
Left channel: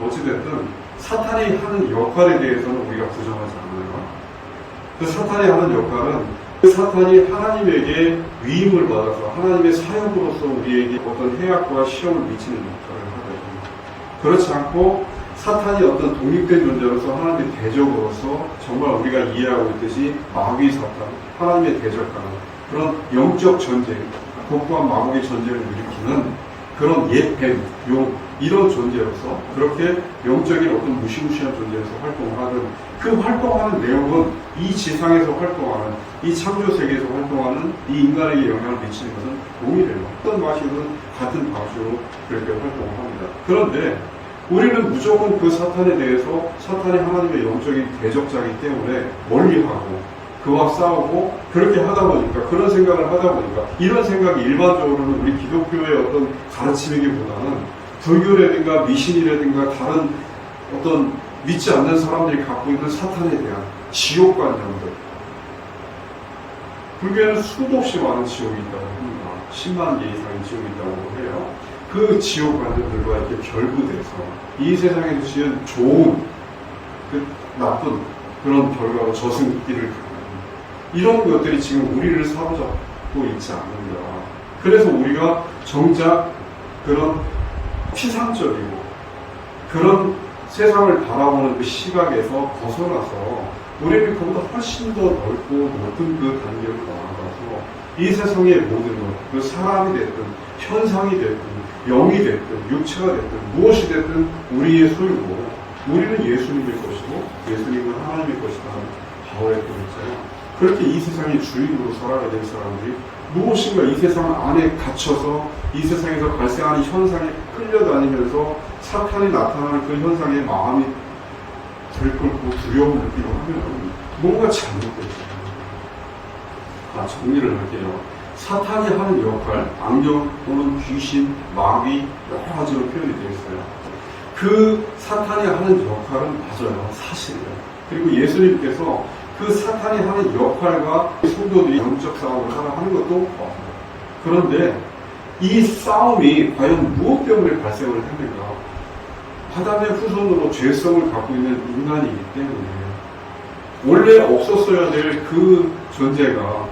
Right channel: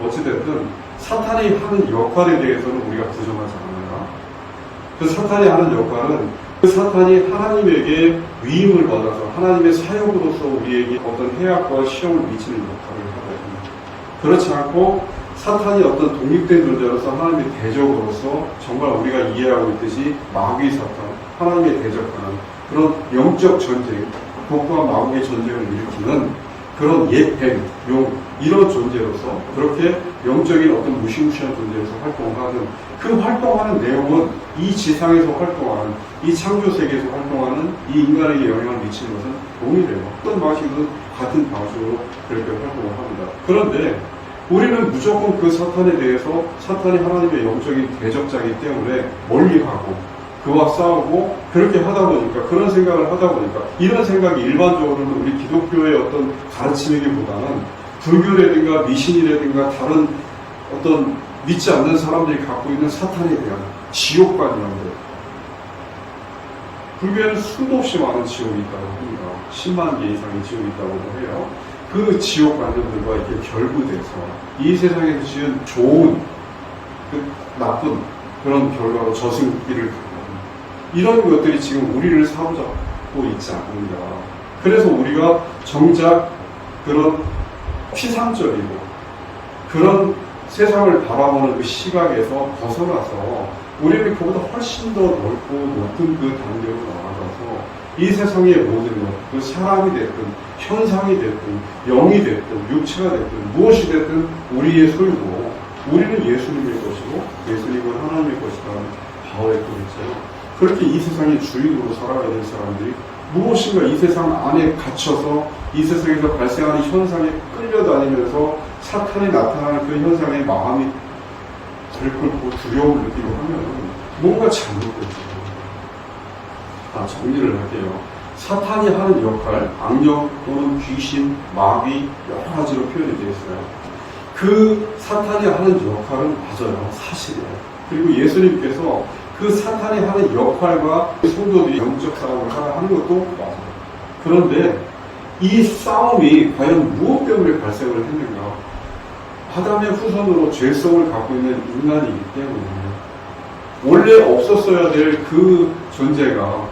어찌됐든 사탄이 하는 역할에 대해서는 우리가 부정하지 않아요. 그 사탄이 하는 역할은 그 사탄이 하나님에게 위임을 받아서 하나님의 사역으로서 우리에게 어떤 해악과 시험을 미치는 역할을 하거든요. 그렇지 않고 사탄이 어떤 독립된 존재로서 하나님의 대적으로서 정말 우리가 이해하고 있듯이 마귀 사탄, 하나님의 대적하는 그런 영적 전쟁, 복과 마귀의 전쟁을 일으키는 그런 옛뱀, 용, 이런 존재로서 그렇게 영적인 어떤 무시무시한 존재로서 활동을 하는 그 활동하는 내용은 이 지상에서 활동하는 이 창조세계에서 활동하는 이 인간에게 영향을 미치는 것은 동일해요. 어떤 방식이든 같은 방식으로 그렇게 활동을 합니다. 그런데 우리는 무조건 그 사탄에 대해서 사탄이 하나님의 영적인 대적자이기 때문에 멀리하고 그와 싸우고 그렇게 하다 보니까 그런 생각을 하다 보니까 이런 생각이 일반적으로는 우리 기독교의 어떤 가르침이기보다는 불교라든가 미신이라든가 다른 어떤 믿지 않는 사람들이 갖고 있는 사탄에 대한 지옥관념들. 불교에는 수도 없이 많은 지옥이 있다고 합니다. 10만 개 이상의 지옥이 있다고도 해요. 그 지옥관념들과 이렇게 결부돼서 이 세상에서 지은 좋은 그 나쁜 그런 결과로 저승길을 가고 이런 것들이 지금 우리를 사로잡고 있지 않는가. 그래서 우리가 정작 그런 피상적이고 그런 세상을 바라보는 그 시각에서 벗어나서 우리는 그보다 훨씬 더 넓고 높은 그 단계로 나아가서 이 세상의 모든 것, 그 사람이 됐든 현상이 됐든 영이 됐든 육체가 됐든 무엇이 됐든 우리의 소유고 우리는 예수님의 것이고 예수님은 하나님의 것이라는 바울의 뜻이죠. 그렇게 이 세상의 주인으로 살아야 될 사람들이 무엇인가 이 세상 안에 갇혀서 이 세상에서 발생하는 현상에 끌려다니면서 사탄이 나타나는 그 현상에 마음이 들끓고 두려움을 느끼고 하면 뭔가 잘못됐죠. 정리를 할게요. 사탄이 하는 역할, 악령 또는 귀신, 마귀 여러 가지로 표현이 되어 있어요. 그 사탄이 하는 역할은 맞아요. 사실이에요. 그리고 예수님께서 그 사탄이 하는 역할과 성도들이 영적 싸움을 하는 것도 맞아요. 그런데 이 싸움이 과연 무엇 때문에 발생을 했는가? 아담의 후손으로 죄성을 갖고 있는 인간이기 때문에 원래 없었어야 될 그 존재가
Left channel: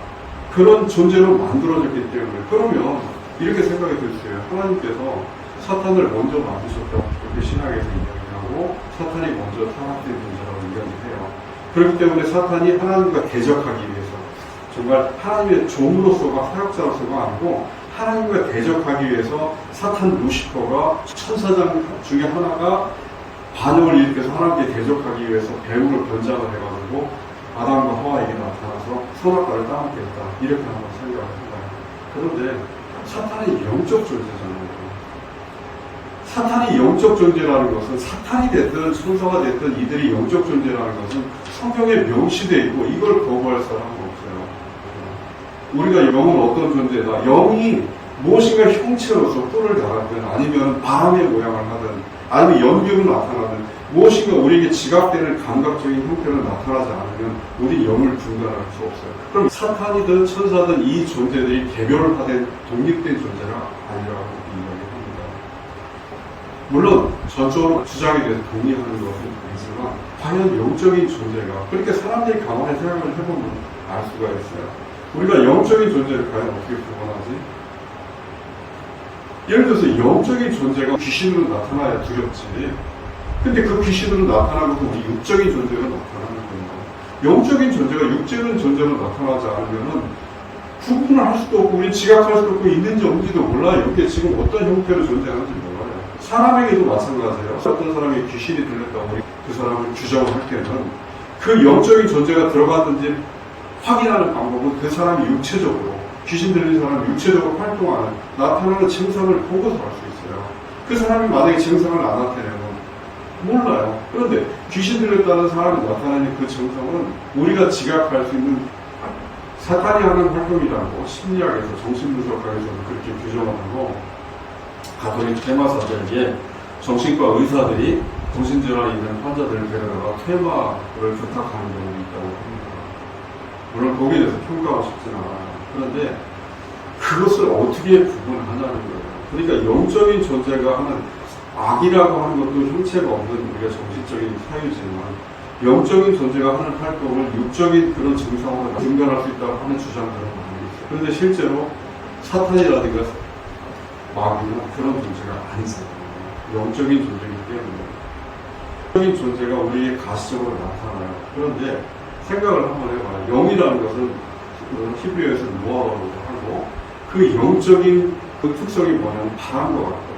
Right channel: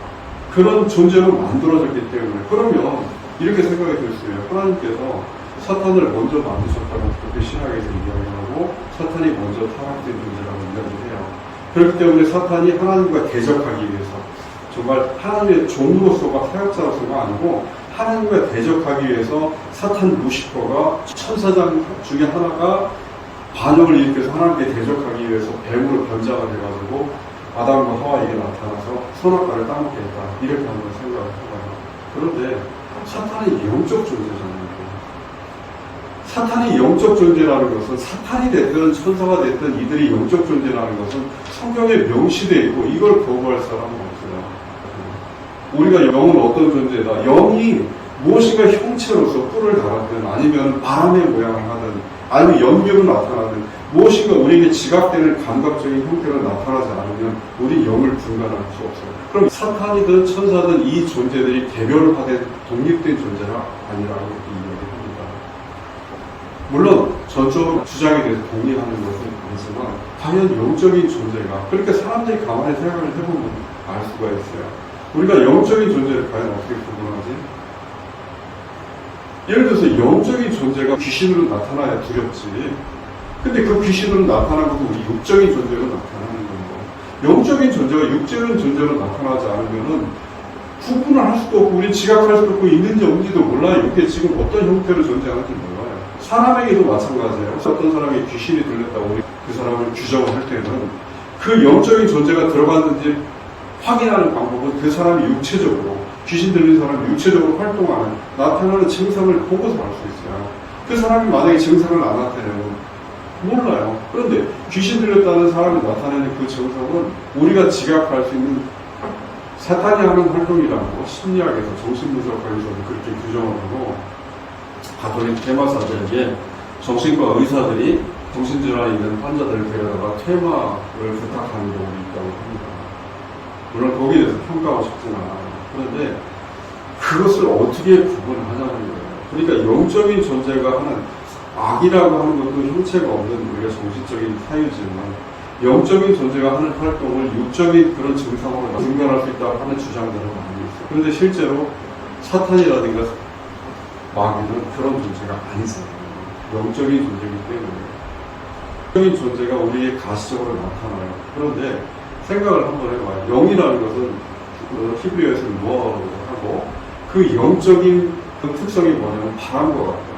그런 존재로 만들어졌기 때문에 그러면 이렇게 생각이 들 수 있어요. 하나님께서 사탄을 먼저 만드셨다고 그렇게 신학에서 이야기하고 사탄이 먼저 타락된 존재라고 이야기해요. 그렇기 때문에 사탄이 하나님과 대적하기 위해서 정말 하나님의 종으로서가 사역자로서가 아니고 하나님과 대적하기 위해서 사탄 루시퍼가 천사장 중에 하나가 반역을 일으켜서 하나님께 대적하기 위해서 뱀으로 변장을 해가지고 아담과 하와에게 나타나서 선악과를 따먹겠다 이렇게 한번 생각을 해봐요. 그런데 사탄이 영적 존재잖아요. 사탄이 영적 존재라는 것은 사탄이 됐든 천사가 됐든 이들이 영적 존재라는 것은 성경에 명시되어 있고 이걸 거부할 사람은 없어요. 우리가 영은 어떤 존재다. 영이 무엇인가 형체로서 뿔을 달았든 아니면 바람의 모양을 하든 아니면 연기로 나타나든 무엇인가 우리에게 지각되는 감각적인 형태로 나타나지 않으면 우리 영을 분간할 수 없어요. 그럼 사탄이든 천사든 이 존재들이 개별화된 독립된 존재가 아니라고 이야기합니다. 물론 전적으로 주장에 대해서 동의하는 것은 아니지만 과연 영적인 존재가, 그러니까 사람들이 가만히 생각을 해보면 알 수가 있어요. 우리가 영적인 존재를 과연 어떻게 구분하지? 예를 들어서 영적인 존재가 귀신으로 나타나야 두렵지. 근데 그 귀신으로 나타나고도 우리 육적인 존재로 나타나는 겁니다. 영적인 존재가 육적인 존재로 나타나지 않으면은 구분을 할 수도 없고, 우리 지각할 수도 없고, 있는지 없는지도 몰라요. 이게 지금 어떤 형태로 존재하는지 몰라요. 사람에게도 마찬가지예요. 어떤 사람이 귀신이 들렸다고 우리 그 사람을 규정할 때는 그 영적인 존재가 들어갔는지 확인하는 방법은 그 사람이 육체적으로, 귀신 들린 사람이 육체적으로 활동하는, 나타나는 증상을 보고서 알 수 있어요. 그 사람이 만약에 증상을 안 나타내면 몰라요. 그런데 귀신 들렸다는 사람이 나타내는 그 증상은 우리가 지각할 수 있는 사탄이 하는 활동이라는 거, 심리학에서, 정신분석학에서는 그렇게 규정하고, 가톨릭 퇴마사들에게 정신과 의사들이 정신질환이 있는 환자들을 데려다가 퇴마를 부탁하는 경우가 있다고 합니다. 물론 거기에 대해서 평가하고 싶지는 않아요. 그런데 그것을 어떻게 구분하냐는 거예요. 그러니까 영적인 존재가 하는 악이라고 하는 것도 형체가 없는 우리가 정신적인 사유지만, 영적인 존재가 하는 활동을 육적인 그런 증상으로 분간할 수 있다고 하는 주장들을 많이 있어요. 그런데 실제로 사탄이라든가 마귀는 그런 존재가 아니잖아요. 영적인 존재이기 때문에. 영적인 존재가 우리에게 가시적으로 나타나요. 그런데 생각을 한번 해봐요. 영이라는 것은 히브리어에서는 노아라고 하고, 그 영적인 그 특성이 뭐냐면 바람과 같다.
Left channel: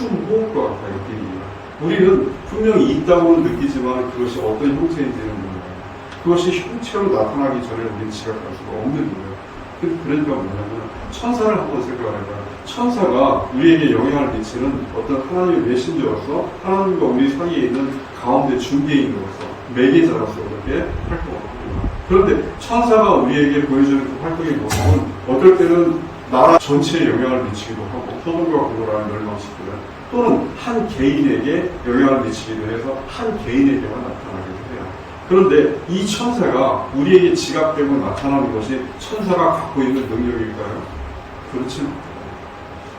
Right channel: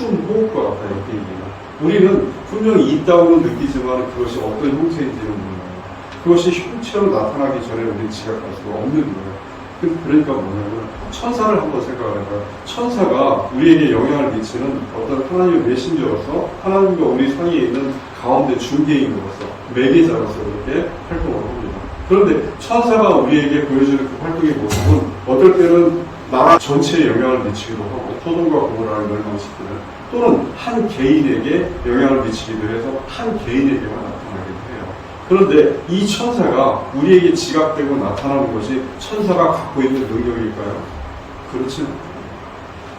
호흡과 같다. 이렇게 얘기해요. 우리는 분명히 있다고는 느끼지만 그것이 어떤 형태인지는 몰라요. 그것이 형체로 나타나기 전에 우리는 지각할 수가 없는 거예요. 그러니까 뭐냐면 천사를 한번 생각을 해봐요. 천사가 우리에게 영향을 미치는 어떤 하나님의 메신저로서, 하나님과 우리 사이에 있는 가운데 중개인으로서, 매개자로서 그렇게 활동을 합니다. 그런데 천사가 우리에게 보여주는 그 활동의 모습은 어떨 때는 나라 전체에 영향을 미치기도 하고, 소돔과 고모라를 멸망시키는, 또는 한 개인에게 영향을 미치기도 해서 한 개인에게만 나타나기도 해요. 그런데 이 천사가 우리에게 지각되고 나타나는 것이 천사가 갖고 있는 능력일까요? 그렇지 않아요.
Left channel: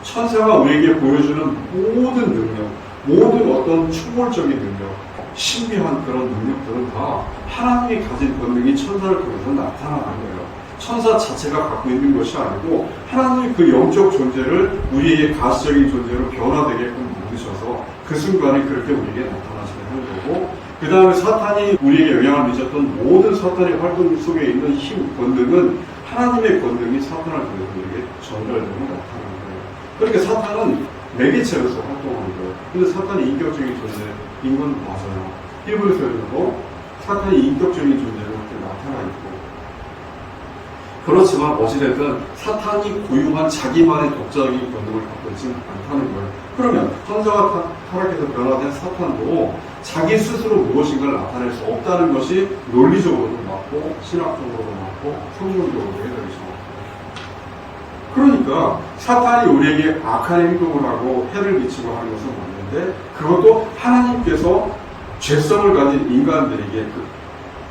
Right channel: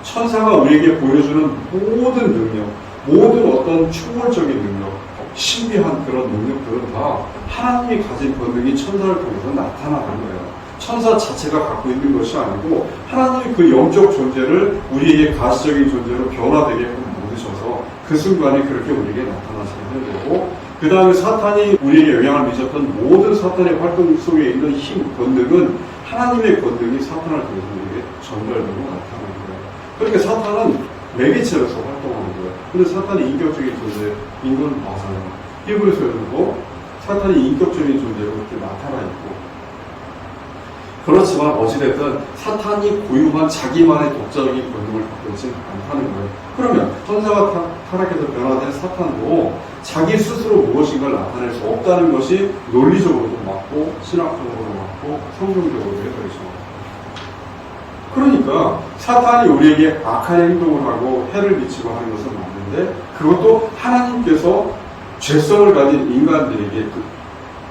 천사가 우리에게 보여주는 모든 능력, 모든 어떤 초월적인 능력, 신비한 그런 능력들은 다 하나님이 가진 본능이 천사를 통해서 나타나는 거예요. 천사 자체가 갖고 있는 것이 아니고 하나님이 그 영적 존재를 우리에게 가시적인 존재로 변화되게끔 만드셔서 그 순간에 그렇게 우리에게 나타나시게 하는 거고, 그 다음에 사탄이 우리에게 영향을 미쳤던 모든 사탄의 활동 속에 있는 힘, 권능은 하나님의 권능이 사탄을 통해서 우리에게 전달되고 나타나는 거예요. 그러니까 사탄은 매개체로서 활동하는 거예요. 근데 사탄이 인격적인 존재인 건 맞아요. 히브리서에서도 사탄이 인격적인 존재로 그렇게 나타나 있고, 그렇지만 어찌됐든 사탄이 고유한 자기만의 독자적인 권능을 갖고 있지는 않다는 거예요. 그러면 천사가 타락해서 변화된 사탄도 자기 스스로 무엇인가를 나타낼 수 없다는 것이 논리적으로도 맞고, 신학적으로도 맞고, 성경적으로도 해석이 정확해요. 그러니까 사탄이 우리에게 악한 행동을 하고 해를 미치고 하는 것은 맞는데, 그것도 하나님께서 죄성을 가진 인간들에게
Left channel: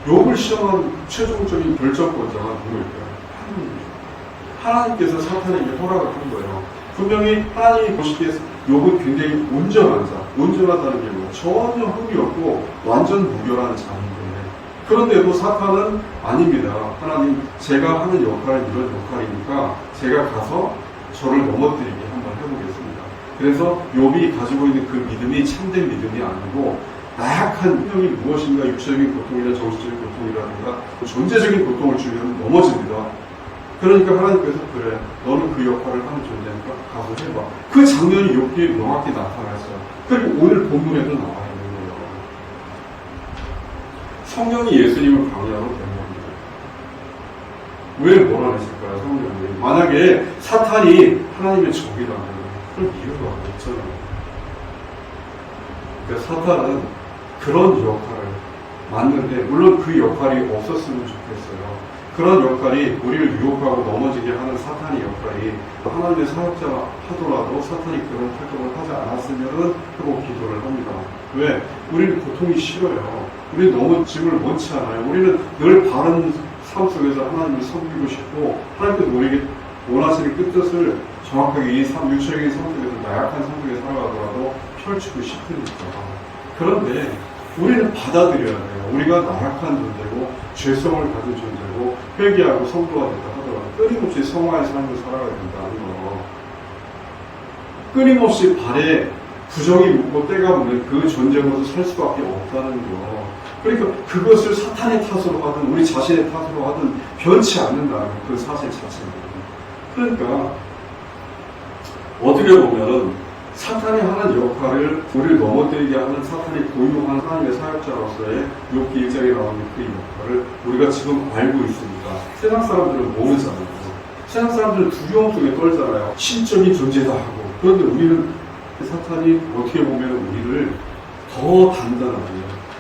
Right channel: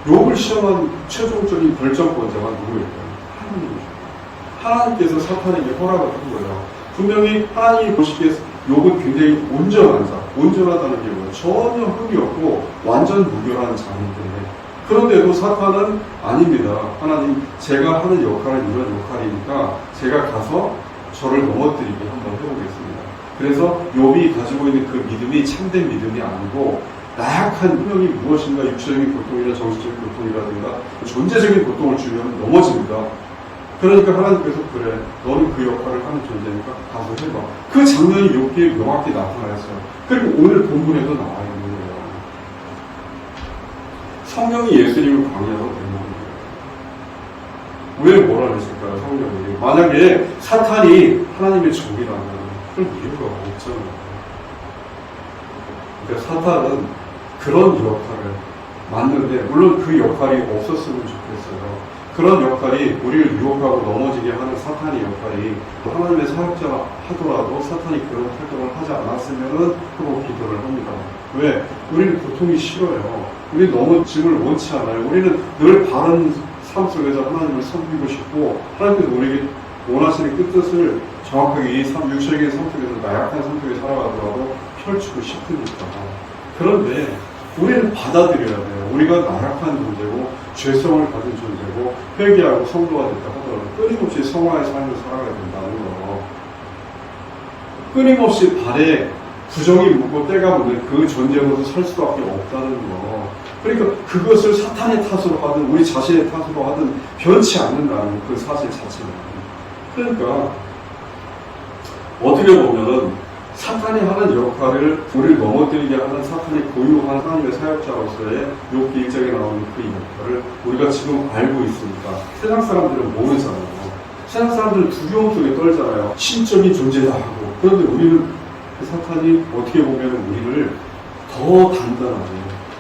욥을 시험한 최종적인 결정권자가 누구일까요? 하나님께서 사탄에게 허락을 한 거예요. 분명히 하나님이 보시기에 욥은 굉장히 온전한 자, 온전하다는 게 뭐예요? 전혀 흠이 없고 완전 무결한 자인데, 그런데도 사탄은 아닙니다. 하나님, 제가 하는 역할은 이런 역할이니까 제가 가서 저를 넘어뜨리게 한번 해보겠습니다. 그래서 욥이 가지고 있는 그 믿음이 참된 믿음이 아니고 나약한 분명히 무엇인가 육체적인 고통이나 정신적인 고통이라든가 존재적인 고통을 주면 넘어집니다. 그러니까 하나님께서 그래, 너는 그 역할을 하는 존재니까 가서 해봐. 그 장면이 욥기에 명확히 나타났어요. 그리고 오늘 본문에도 나와 있는 거예요. 성령이 예수님을 방해하고 되는 거예요. 왜 몰아내실까요, 성령이? 만약에 사탄이 하나님의 적이라면 그런 이유가 없잖아요. 그러니까 사탄은 그런 역할을 맞는데, 물론 그 역할이 없었으면 좋겠어요. 그런 역할이 우리를 유혹하고 넘어지게 하는 사탄의 역할이 하나님의 사역자라 하더라도 사탄이 그런 활동을 하지 않았으면은 하고 기도를 합니다. 왜? 우리는 고통이 싫어요. 우리 넘어짐을 원치 않아요. 우리는 늘 바른 삶 속에서 하나님을 섬기고 싶고 하나님께서 우리에게 원하시는 뜻을 정확하게 이 육체적인 삶 속에서 나약한 삶 속에 살아가더라도 펼치고 싶으니까. 그런데 우리는 받아들여야 돼요. 우리가 나약한 존재고 죄성을 가진 존재고 회개하고 성도가 됐다 하더라도 끊임없이 성화의 삶을 살아가야 된다는 거. 끊임없이 발에 부정이 묻고 때가 묻는 그 존재로서 살 수밖에 없다는 거. 그러니까 그것을 사탄의 탓으로 하든 우리 자신의 탓으로 하든 변치 않는다는 그 사실 자체는. 그러니까 어떻게 보면은 사탄이 하는 역할을 우리를 넘어뜨리게 하는 사탄이 고유한 하나님의 사역자로서의 욥기 1장에 나오는 그 역할을 우리가 지금 알고 있으니까 세상 사람들은 모르잖아요. 세상 사람들은 두려움 속에 떨잖아요. 신적인 존재다 하고. 그런데 우리는 사탄이 어떻게 보면 우리를 더 단단하게,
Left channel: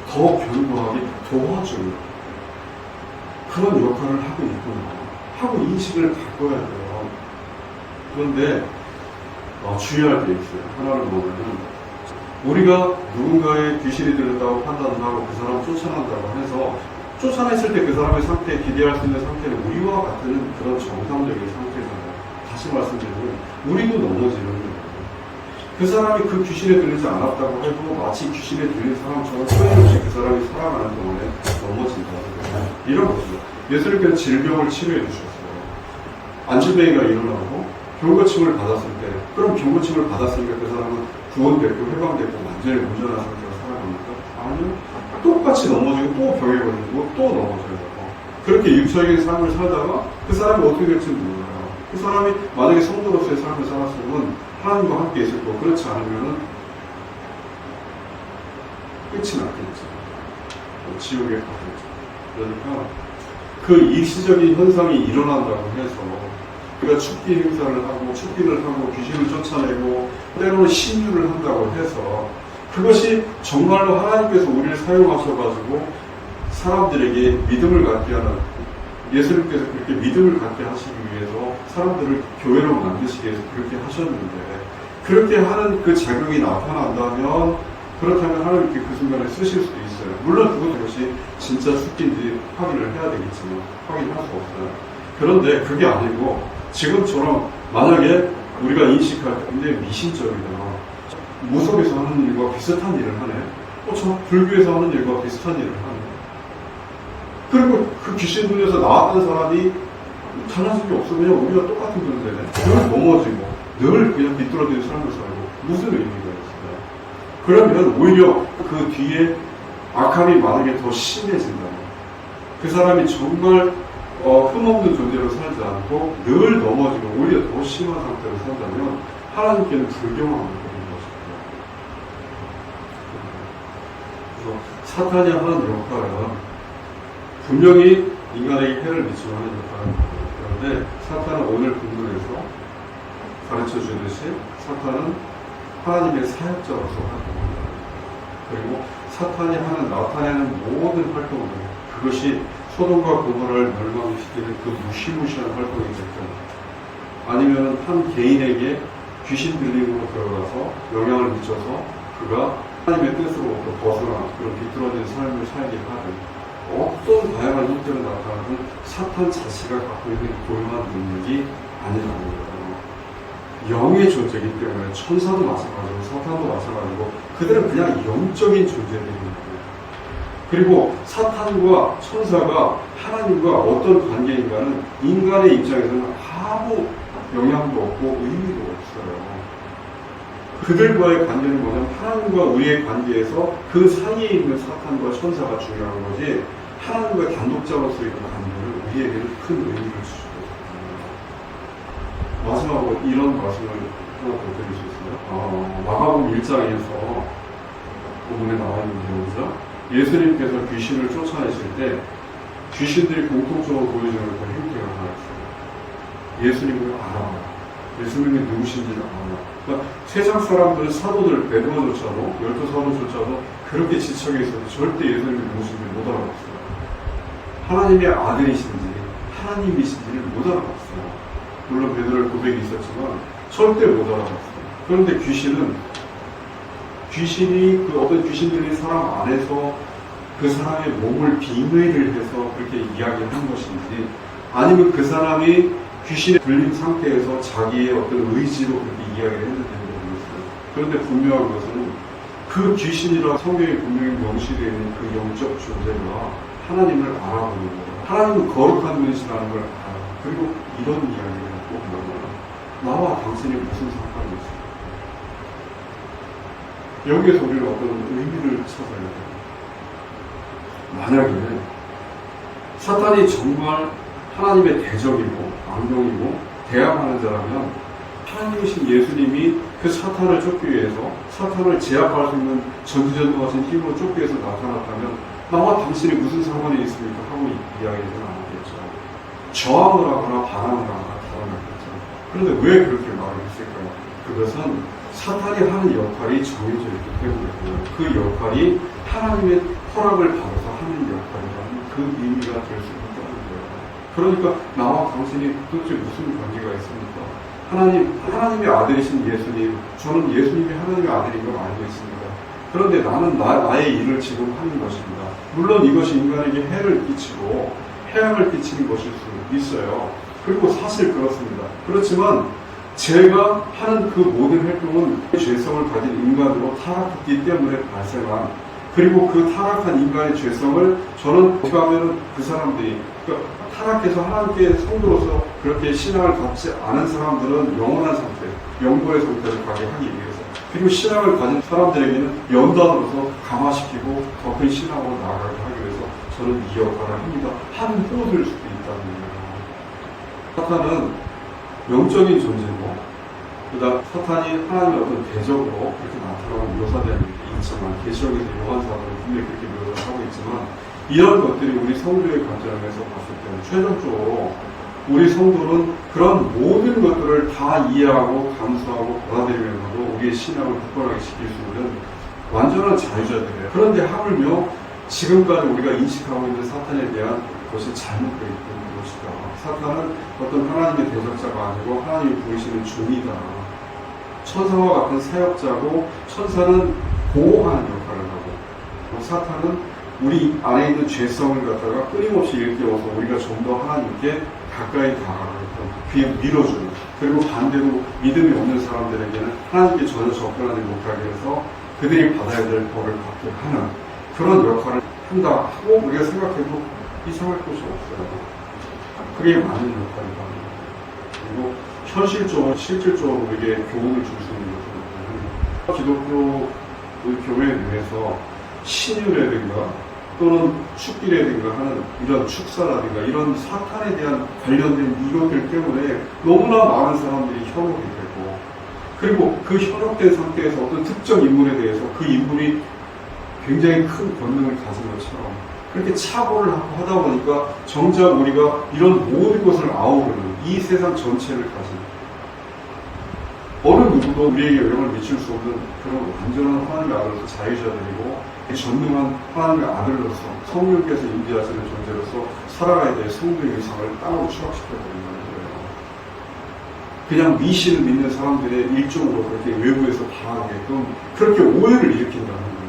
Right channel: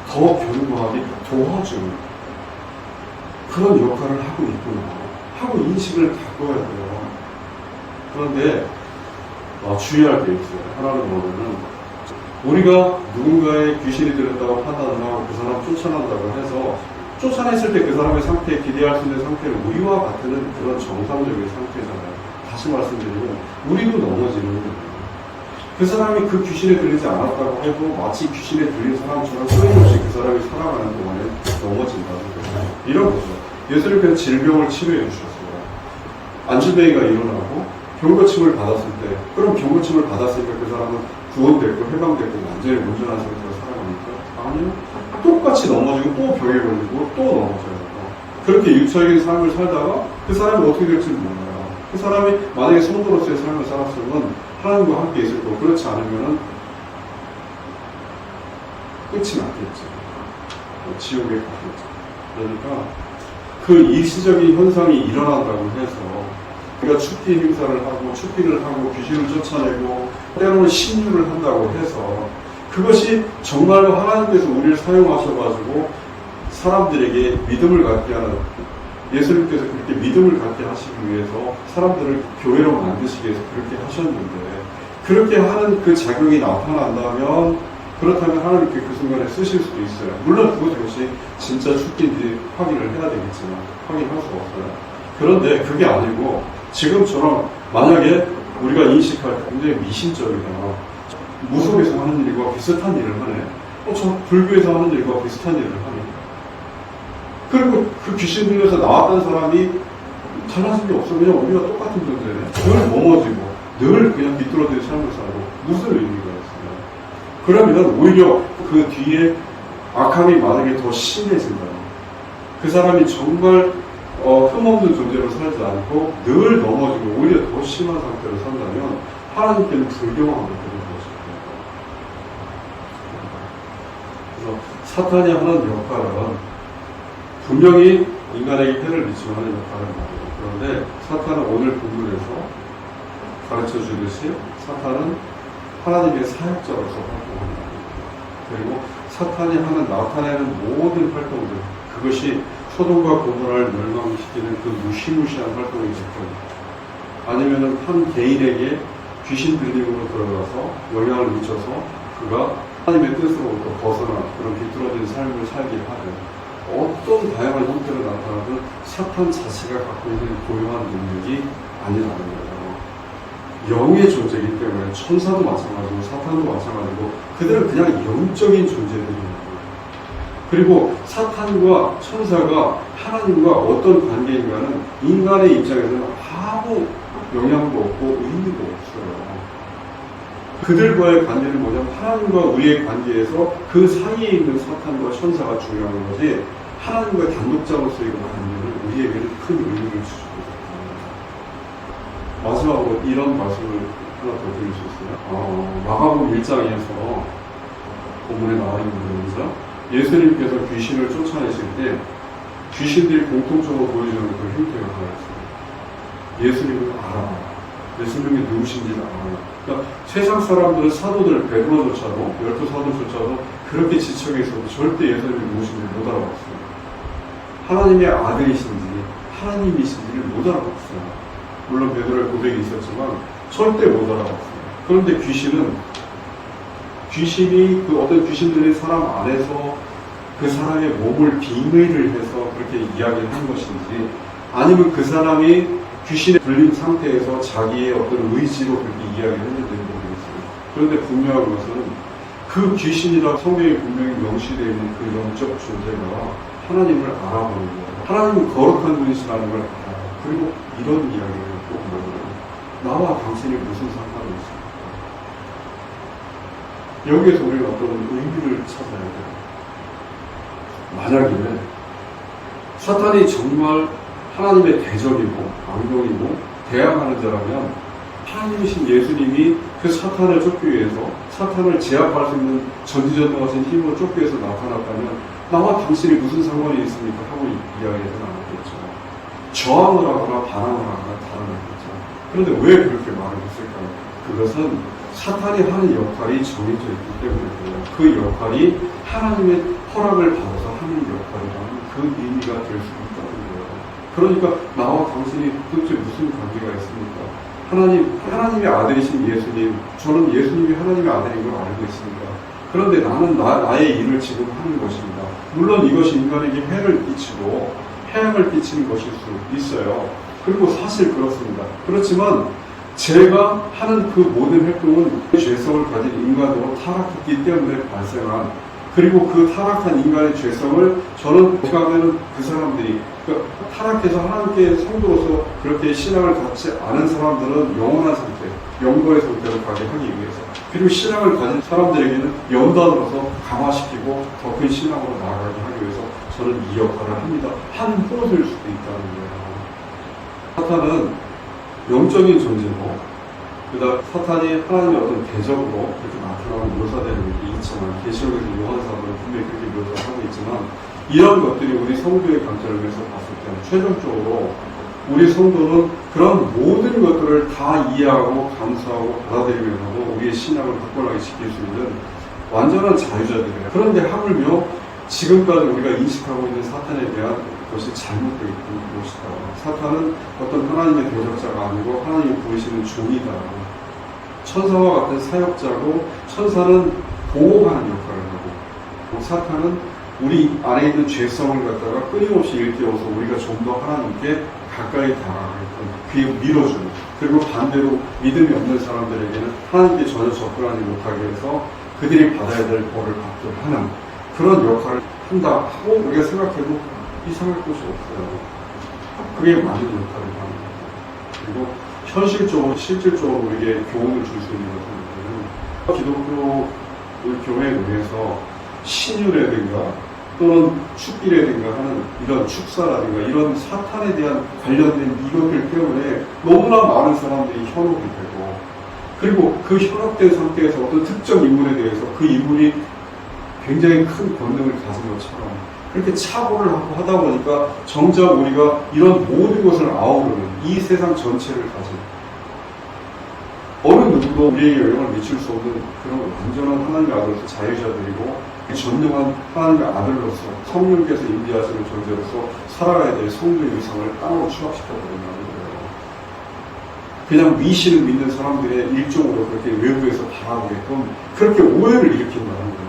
더 견고하게 도와주는 그런 역할을 하고 있구나 하고 인식을 갖고야 돼요. 그런데 주의할 게 있어요. 하나는 뭐냐면 우리가 누군가의 귀신이 들었다고 판단을 하고 그 사람을 쫓아낸다고 해서 쫓아냈을 때 그 사람의 상태에 기대할 수 있는 상태는 우리와 같은 그런 정상적인 상태잖아요. 다시 말씀드리면 우리도 넘어지는 거예요. 그 사람이 그 귀신에 들리지 않았다고 해도 마치 귀신에 들린 사람처럼 끊임없이 그 사람이 살아가는 동안에 넘어진다는 거예요. 이런 거죠. 예수님께서 질병을 치료해 주셨어요. 안진뱅이가 일어나고 경고침을 받았을 때, 그럼 경고침을 받았으니까 그 사람은 구원됐고 해방됐고 완전히 온전한 상태로 살아갑니까? 아니요. 똑같이 넘어지고 또 병에 걸리고 또 넘어져요. 그렇게 육체적인 삶을 살다가 그 사람이 어떻게 될지 몰라요. 그 사람이 만약에 성도로서의 삶을 살았으면 하나님과 함께 있을 거고 그렇지 않으면 끝이 났겠죠. 지옥에 가겠죠. 그러니까 그 일시적인 현상이 일어난다고 해서 우리가 축기 행사를 하고 축기를 하고 귀신을 쫓아내고 때로는 신유를 한다고 해서 그것이 정말로 하나님께서 우리를 사용하셔가지고 사람들에게 믿음을 갖게 하는, 예수님께서 그렇게 믿음을 갖게 하시기 위해서 사람들을 교회로 만드시기 위해서 그렇게 하셨는데 그렇게 하는 그 작용이 나타난다면 그렇다면 하나님께 그 순간에 쓰실 수도 있어요. 물론 그것이 진짜 축기인지 확인을 해야 되겠지만 확인할 수 없어요. 그런데 그게 아니고 지금처럼 만약에 우리가 인식할 때 굉장히 미신적이다. 무속에서 하는 일과 비슷한 일을 하네. 저 불교에서 하는 일과 비슷한 일을 하네. 그리고 그 귀신 눈에서 나왔던 사람이 달라진 게 없어. 그냥 우리가 똑같은 존재네. 늘 넘어지고 늘 그냥 비뚤어진 삶을 살고 무슨 의미가 있어요? 그러면 오히려 그 뒤에 악함이 만약에 더 심해진다면 그 사람이 정말 흠없는 존재로 살지 않고 늘 넘어지고 오히려 더 심한 상태로 산다면 하나님께는 불경한 것인 것입니다. 그래서 사탄이 하는 역할은 분명히 인간에게 해를 미치고 하는 역할은 있고요. 그런데 사탄은 오늘 본문에서 가르쳐 주듯이 사탄은 하나님의 사역자로서 활동한다. 그리고 사탄이 하는 나타내는 모든 활동들, 그것이 소돔과 고모라를 멸망시키는 그 무시무시한 활동이 됐든 아니면은 한 개인에게 귀신 들림으로 들어가서 영향을 미쳐서 그가 하나님의 뜻으로부터 벗어난 그런 비뚤어진 삶을 살게 하든 어떤 다양한 형태로 나타나든 사탄 자체가 갖고 있는 고유한 능력이 아니라는 거예요. 영의 존재이기 때문에 천사도 마찬가지고 사탄도 마찬가지고 그들은 그냥 영적인 존재들입니다. 그리고 사탄과 천사가 하나님과 어떤 관계인가는 인간의 입장에서는 아무 영향도 없고 의미도 없어요. 그들과의 관계는 뭐냐면 하나님과 우리의 관계에서 그 사이에 있는 사탄과 천사가 중요한 거지 하나님과 단독자로서의 그 관계는 우리에게는 큰 의미를 주죠. 마지막으로 이런 말씀을 하나 더 드릴 수 있습니다. 마가복음 1장에서 본문에 나와 있는 내용이죠. 예수님께서 귀신을 쫓아내실 때 귀신들이 공통적으로 보여주는 그 행태가 하나 있어요. 예수님을 알아봐요. 예수님이 누구신지를 알아요. 그러니까 세상 사람들은 사도들 베드로조차도 12사도조차도 그렇게 지척에 있어도 절대 예수님이 누구신지 못 알아봤어요. 하나님의 아들이신지 하나님이신지를 못 알아봤어요. 물론 베드로의 고백이 있었지만 절대 못 알아봤어요. 그런데 귀신이 그 어떤 귀신 들린 사람 안에서 그 사람의 몸을 빙의를 해서 그렇게 이야기를 한 것인지, 아니면 그 사람이 귀신에 들린 상태에서 자기의 어떤 의지로 그렇게 이야기를 했는지는 모르겠어요. 그런데 분명한 것은 그 귀신이라고 성경에 분명히 명시되어 있는 그 영적 존재가 하나님을 알아보는 거예요. 하나님은 거룩한 분이시라는 걸 알아요. 그리고 이런 이야기를 꼭 나와요. 나와 당신이 무슨 상관이 있습니까? 여기에서 우리는 어떤 의미를 찾아야 돼요. 만약에 사탄이 정말 하나님의 대적이고 악령이고 대항하는 자라면, 하나님이신 예수님이 그 사탄을 쫓기 위해서, 사탄을 제압할 수 있는 전지전능하신 힘으로 쫓기 위해서 나타났다면 나와 당신이 무슨 상관이 있습니까? 하고 이야기하지는 않았겠죠. 저항을 하거나 반항을 하거나 달아나겠죠. 그런데 왜 그렇게 말을 했을까? 그것은 사탄이 하는 역할이 정해져 있기 때문에 그 역할이 하나님의 허락을 받아서 하는 역할이라는 그 의미가 될 수 있다는 거예요. 그러니까 나와 당신이 도대체 무슨 관계가 있습니까? 하나님의 아들이신 예수님, 저는 예수님이 하나님의 아들인 걸 알고 있습니다. 그런데 나는 나의 일을 지금 하는 것입니다. 물론 이것이 인간에게 해를 끼치고 해악을 끼치는 것일 수 있어요. 그리고 사실 그렇습니다. 그렇지만 제가 하는 그 모든 활동은 죄성을 가진 인간으로 타락했기 때문에 발생한, 그리고 그 타락한 인간의 죄성을 저는 어떻게 하면 그 사람들이, 그러니까 타락해서 하나님께 성도로서 그렇게 신앙을 갖지 않은 사람들은 영원한 상태, 영도의 상태로 가게 하기 위해서, 그리고 신앙을 가진 사람들에게는 연단으로서 강화시키고 더 큰 신앙으로 나아가게 하기 위해서 저는 이 역할을 합니다. 한 호흡일 수도 있다는 거예요. 사탄은 영적인 존재고, 그다음 사탄이 하나님의 어떤 대적으로 그렇게 나타나고 묘사되는 게 있지만, 계시록에서 요한사도는 분명히 그렇게 묘사하고 있지만, 이런 것들이 우리 성도의 관점에서 봤을 때는 최종적으로 우리 성도는 그런 모든 것들을 다 이해하고 감수하고 받아들이면서도 우리의 신앙을 굳건하게 지킬 수 있는 완전한 자유자들이에요. 그런데 하물며 지금까지 우리가 인식하고 있는 사탄에 대한 것이 잘못되어 있는 것이다. 사탄은 어떤 하나님의 대적자가 아니고 하나님이 보이시는 종이다. 천사와 같은 사역자고, 천사는 보호하는 역할을 하고, 사탄은 우리 안에 있는 죄성을 갖다가 끊임없이 일깨워서 우리가 좀 더 하나님께 가까이 다가가게끔 귀에 밀어주는, 그리고 반대로 믿음이 없는 사람들에게는 하나님께 전혀 접근하지 못하게 해서 그들이 받아야 될 벌을 받게 하는 그런 역할을 한다 하고 우리가 생각해도 이상할 것이 없어요. 그게 맞는 역할이다. 그리고 현실적으로, 실질적으로 우리에게 교훈을 줄 수 있는 것은, 기독교 교회 내에서 신유라든가 또는 축기라든가 하는 이런 축사라든가 이런 사탄에 대한 관련된 이것들 때문에 너무나 많은 사람들이 현혹이 되고, 그리고 그 현혹된 상태에서 어떤 특정 인물에 대해서 그 인물이 굉장히 큰 권능을 가진 것처럼 그렇게 착오를 하고 하다 보니까 정작 우리가 이런 모든 것을 아우르는 이 세상 전체를 가진, 어느 누구도 우리에게 영향을 미칠 수 없는 그런 완전한 하나님의 아들로서 자유자들이고 전능한 하나님의 아들로서 성령께서 임재하시는 존재로서 살아가야 될 성도의 위상을 땅으로 추락시켜버린다는 거예요. 그냥 미신을 믿는 사람들의 일종으로 그렇게 외부에서 바라보게끔 그렇게 오해를 일으킨다는 거예요.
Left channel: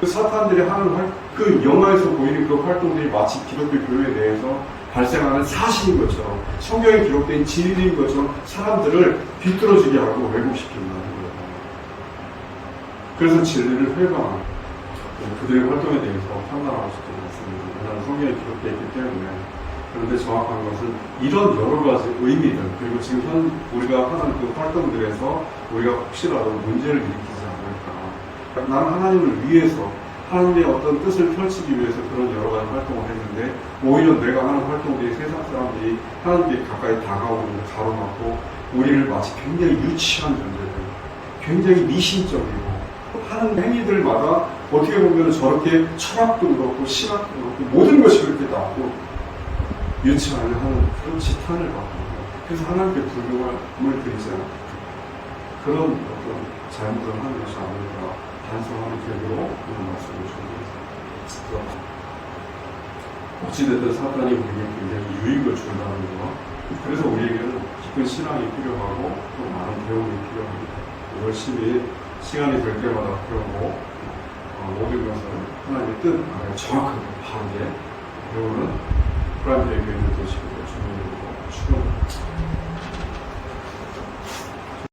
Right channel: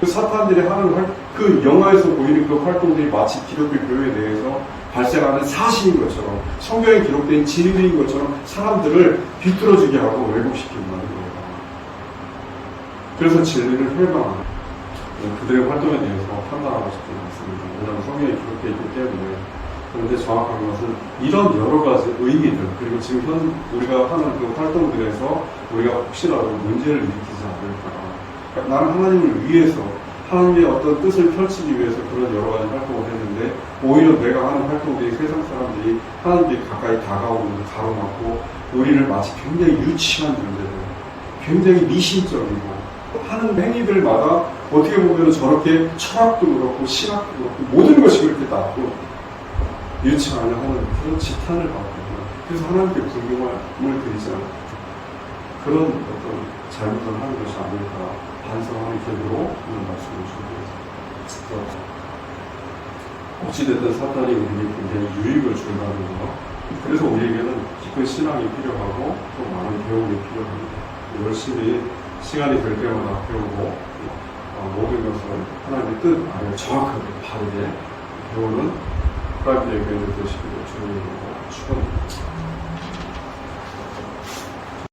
그 사탄들이 하는 그 영화에서 보이는 그 활동들이 마치 기독교 교회 내에서 발생하는 사실인 것처럼, 성경에 기록된 진리인 것처럼 사람들을 비뚤어지게 하고 왜곡시킨다는 거예요. 그래서 진리를 회방하는, 그들의 활동에 대해서 판단하고 싶은 말씀입니다. 왜냐하면 성경에 기록되어 있기 때문에. 그런데 정확한 것은 이런 여러 가지 의미들, 그리고 지금 우리가 하는 그 활동들에서 우리가 혹시라도 문제를 일으키지 않을까. 나는 하나님을 위해서, 하나님의 어떤 뜻을 펼치기 위해서 그런 여러 가지 활동을 했는데, 오히려 내가 하는 활동들이 세상 사람들이 하나님께 가까이 다가오는 걸 가로막고 우리를 마치 굉장히 유치한 존재들, 굉장히 미신적이고 하는 행위들마다 어떻게 보면 저렇게 철학도 그렇고 신학도 그렇고 모든 것이 그렇게 낮고 유치하려 하는 그런 지탄을 받고, 그래서 하나님께 불명을 드리지 않는 그런 어떤 잘못을 하는 것이 아닐까 반성하는 계기로 이런 말씀을 주셨습니다. 어찌됐든 사탄이 우리에게 굉장히 유익을 준다는 거. 그래서 우리에게는 깊은 신앙이 필요하고 또 많은 배움이 필요합니다. 열심히 시간이 될 때마다 배우고 모든 것을 하나님의 뜻 안에 정확하게 바르게 배우는 프라임데이 밴드 되시기를